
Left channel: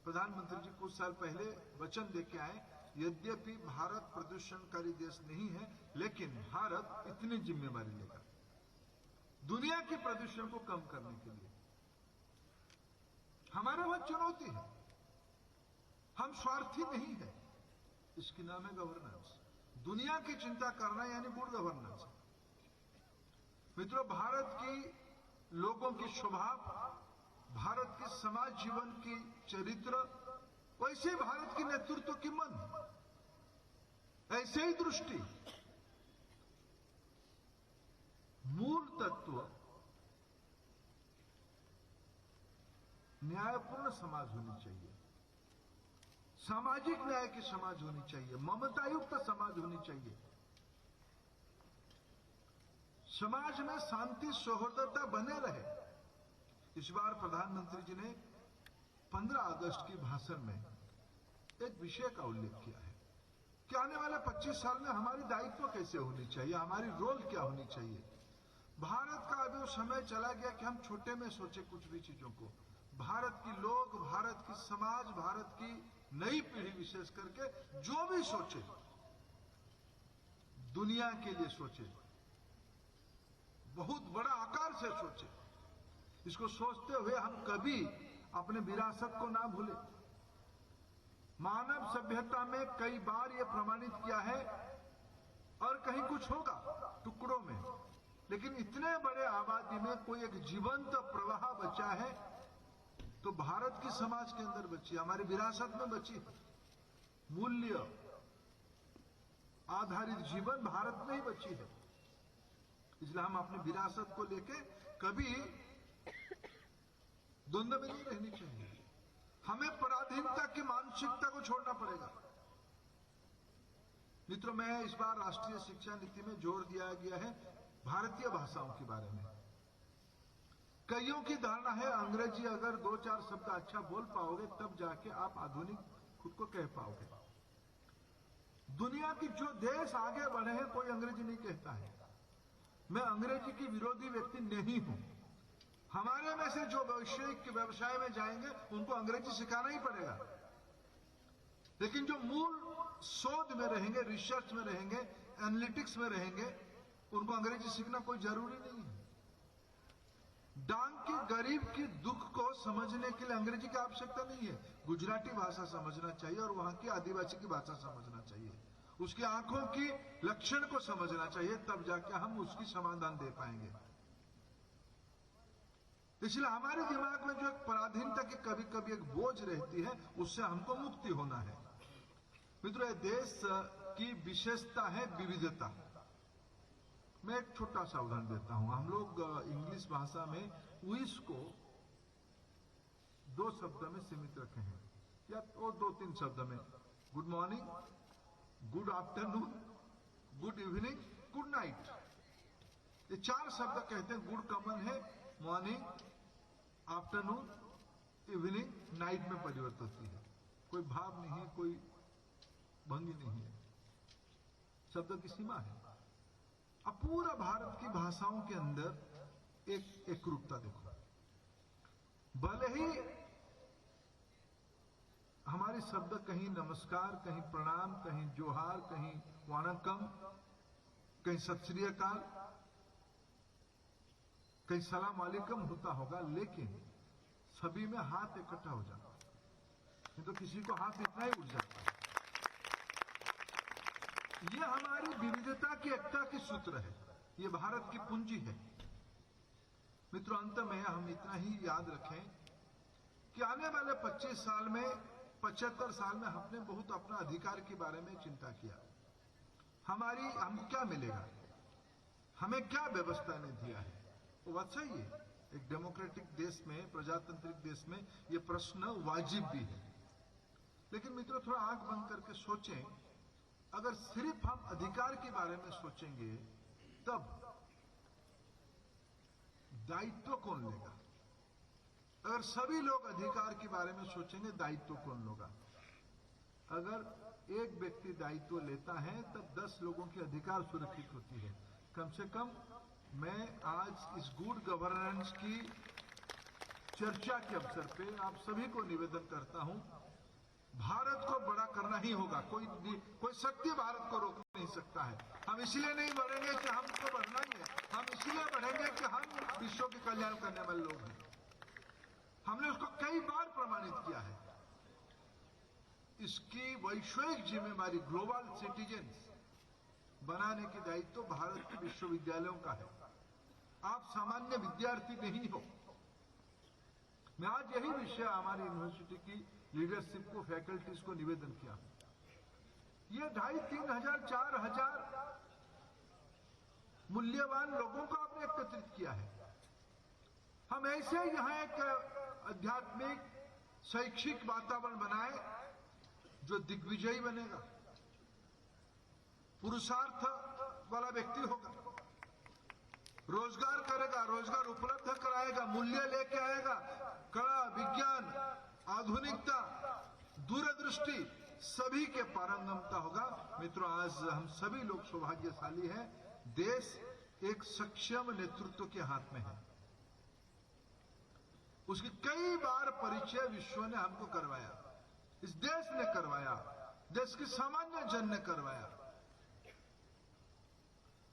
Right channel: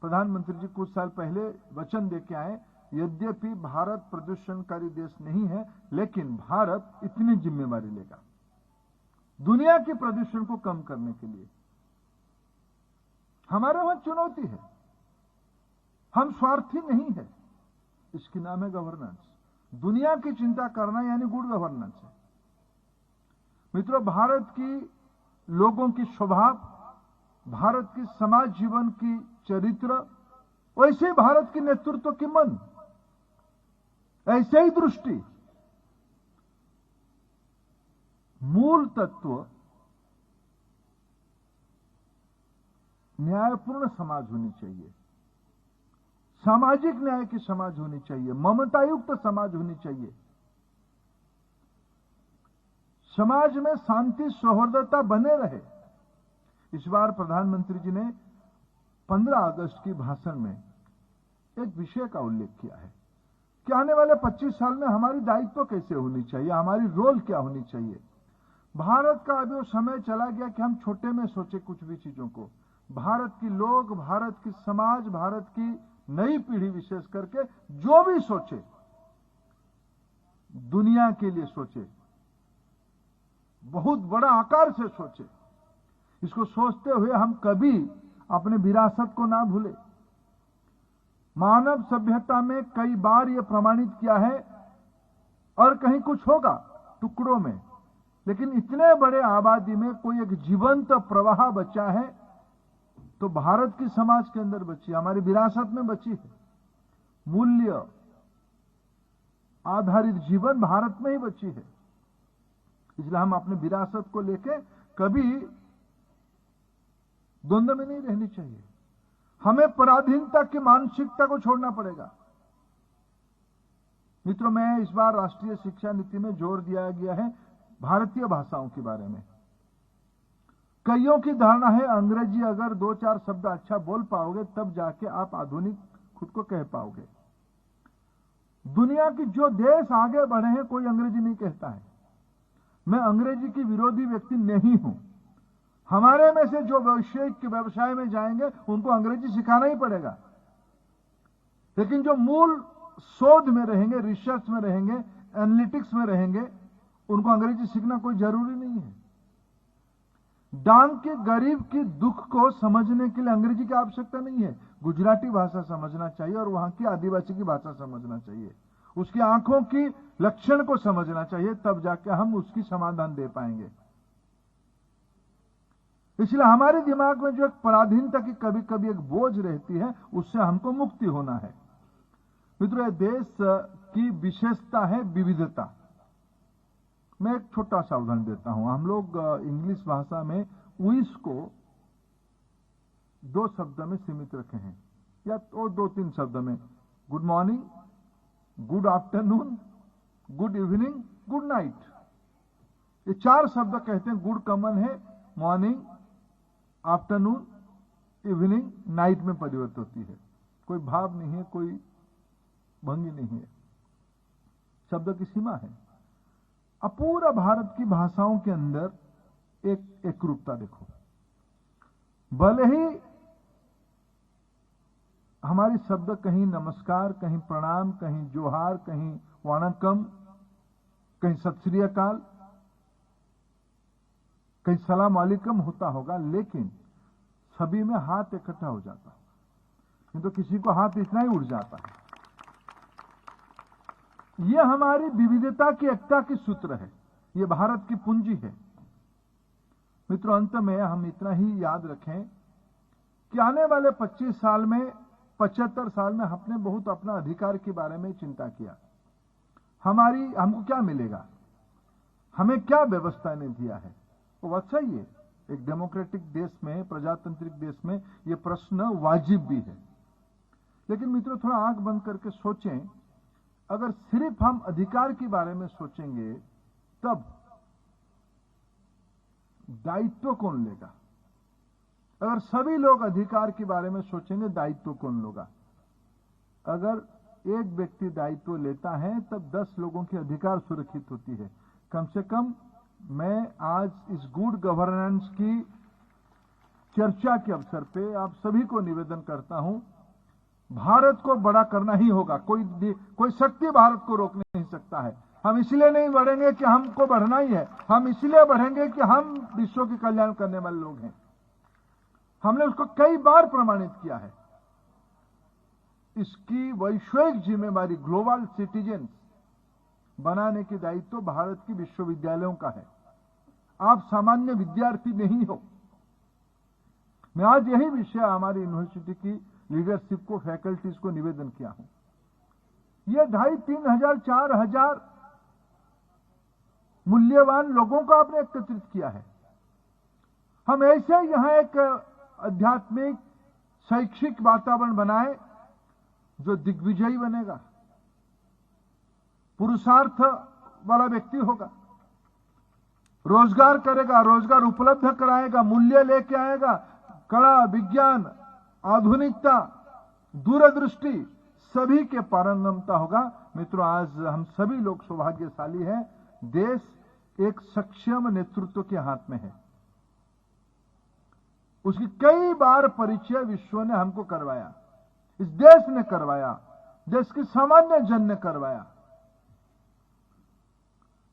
प्रधानमंत्री जी कुछ साल पहले वचन देके आए, यद्यपि भारत प्रदूषणकारी देश नहीं है, लेकिन भारत इतनी जिम्मेवारी लेगा दुनिया के प्रदूषण को कम करने के लिए। हमारे वहां चुनौती है, हम स्वार्थी नहीं है, इसकी नाम है गवर्नेंस। दुनिया की चिंता करना यानी गुड गवर्नेंस है। मित्रों, भारत की लोगों की स्वभाव, भारत की समाज जीवन की चरित्र, वैसे भारत के नेतृत्व की मन, ऐसे ही दृष्टि, मूल तत्व न्यायपूर्ण समाज होनी चाहिए, सामाजिक न्याय की समाज होनी चाहिए, ममतायुक्त समाज होनी चाहिए, समाज में शांति सौहार्दता बने रहे। इस बार प्रधानमंत्री जी ने 15 अगस्त की भाषण में एक विषय का उल्लेख किया है कि आने वाले 25 साल में हमारी दायित्व कैसे होनी चाहिए, हमारी रोल क्या होनी चाहिए। भारत का अभी वो समय चला गया कि हम छोटे में सोचे कुछ भी चीजों को। भारत की लोग, भारत की समाज, भारत की नई पीढ़ी विशेष करके जो भी सोचे, दुनिया के लिए सोचे, बहुत बड़ा आकार से सोचे। इसको सोचते हुए हम कभी अपने विरासत को ना भूले। मानव सभ्यता में कई बार यह प्रमाणित किया है, और कहीं कुछ होगा टुकड़ों में, लेकिन इतने बड़े आबादी में कोई एक जीवंत प्रवाह बचा है तो भारत की समाज के अंदर बची, हमारी विरासत में बची है। मूल्य आधारित जीवन भारत में ही बची है। इसलिए हम अपने विरासत को लेके कभी द्वंद्व में नहीं रहनी चाहिए। हमें पराधीनता की मानसिकता को छोड़ना पड़ेगा। मित्रों, मैं इस बार राष्ट्रीय शिक्षा नीति में जोर दिया गया है भारतीय भाषाओं के बारे में। कईयों की धारणा है अंग्रेजी अगर 2-4 शब्द अच्छा बोल पाओगे तब जाके आप आधुनिक खुद को कह पाओगे। दुनिया की जो देश आगे बढ़े हैं कोई अंग्रेजी नहीं कहता है। मैं अंग्रेजी की विरोधी व्यक्ति नहीं हूं। हमारे में से जो वैश्विक व्यवसाय में जाएंगे उनको अंग्रेजी सिखाना ही पड़ेगा, लेकिन जो मूल शोध में रहेंगे, रिसर्च में रहेंगे, एनालिटिक्स में रहेंगे, उनको अंग्रेजी सीखना कोई जरूरी नहीं है। डांग के गरीब की दुख को समझने के लिए अंग्रेजी की आवश्यकता नहीं है। गुजराती भाषा समझना चाहिए और वहां की आदिवासी की भाषा समझना चाहिए, उसकी आंखों की लक्षण को समझना चाहिए, तब जाके हम उसकी समाधान दे पाएंगे। इसलिए हमारे दिमाग में जो एक पराधीनता की कभी कभी एक बोझ रहती है, उससे हमको मुक्ति होना है। मित्रों, देश की विशेषता है विविधता। मैं एक छोटा सा उदाहरण देता हूं। हम लोग इंग्लिश भाषा में विश को 2 शब्द में सीमित रखे हैं, या तो 2-3 शब्द में। Good morning, good afternoon, good evening, good night, ये 4 शब्द कहते हैं। गुड कॉमन है, मॉर्निंग, आफ्टरनून, इवनिंग, नाइट में परिवर्तित होती है। कोई भाव नहीं है, कोई भंगी नहीं है, शब्द की सीमा है। अब पूरा भारत की भाषाओं के अंदर एक एकरूपता देखो। भले ही हमारी शब्द कहीं नमस्कार, कहीं प्रणाम, कहीं जोहार, कहीं वणक्कम, कहीं सत श्री अकाल, कहीं सलाम वालेकुम होता होगा, लेकिन सभी में हाथ इकट्ठा हो जाता, नहीं तो किसी को हाथ इतना ही उड़ जाता। यह हमारी विविधता की एकता की सूत्र है, यह भारत की पूंजी है। मित्रों, अंत में हम इतना ही याद रखें कि आने वाले 25 साल में 75 साल में हमने बहुत अपना अधिकार के बारे में चिंता किया। हमको क्या मिलेगा, हमें क्या व्यवस्था ने दिया है। वो बात सही है, एक डेमोक्रेटिक देश में, प्रजातांत्रिक देश में ये प्रश्न वाजिब भी है। लेकिन मित्रों, थोड़ा आंख बंद करके सोचें, अगर सिर्फ हम अधिकार के बारे में सोचेंगे तब दायित्व कौन लेगा। अगर सभी लोग अधिकार के बारे में सोचेंगे, दायित्व कौन लेगा। अगर एक व्यक्ति दायित्व लेता है तब 10 लोगों के अधिकार सुरक्षित होती है। कम से कम मैं आज इस गुड गवर्नेंस की चर्चा के अवसर पे आप सभी को निवेदन करता हूं, भारत को बड़ा करना ही होगा। कोई शक्ति भारत को रोक नहीं सकता है। हम इसलिए नहीं बढ़ेंगे कि हमको बढ़ना ही है, हम इसलिए बढ़ेंगे कि हम विश्व की कल्याण करने वाले लोग हैं। हमने उसको कई बार प्रमाणित किया है। इसकी वैश्विक जिम्मेवारी, ग्लोबल सिटीजन्स बनाने की दायित्व भारत की विश्वविद्यालयों का है। आप सामान्य विद्यार्थी नहीं हो। मैं आज यही विषय हमारी यूनिवर्सिटी की लीडरशिप को, फैकल्टीज को निवेदन किया हूं। ये 2,500-3,000 4,000 मूल्यवान लोगों को आपने एकत्रित किया है। हम ऐसे यहां एक आध्यात्मिक शैक्षिक वातावरण बनाए जो दिग्विजयी बनेगा, पुरुषार्थ वाला व्यक्ति होगा, रोजगार करेगा, रोजगार उपलब्ध कराएगा, मूल्य लेके आएगा, कला, विज्ञान, आधुनिकता, दूरदृष्टि सभी के पारंगमता होगा। मित्रों, आज हम सभी लोग सौभाग्यशाली हैं। देश एक सक्षम नेतृत्व के हाथ में है। उसकी कई बार परिचय विश्व ने हमको करवाया, इस देश ने करवाया, देश के सामान्य जन ने करवाया।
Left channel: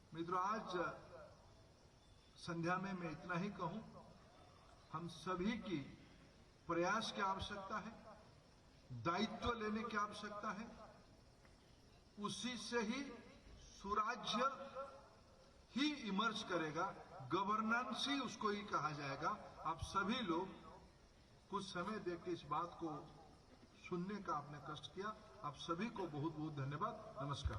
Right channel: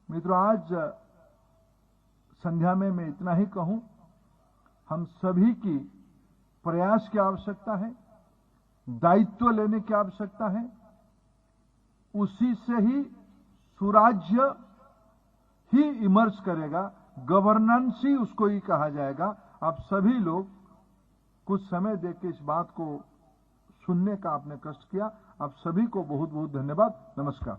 मित्रों, आज संध्या में मैं इतना ही कहूं, हम सभी की प्रयास की आवश्यकता है, दायित्व लेने की आवश्यकता है। उसी से ही सुराज्य ही इमर्ज करेगा, गवर्नेंस ही उसको ही कहा जाएगा। आप सभी लोग कुछ समय देकर इस बात को सुनने का आपने कष्ट किया। आप सभी को बहुत बहुत धन्यवाद। नमस्कार।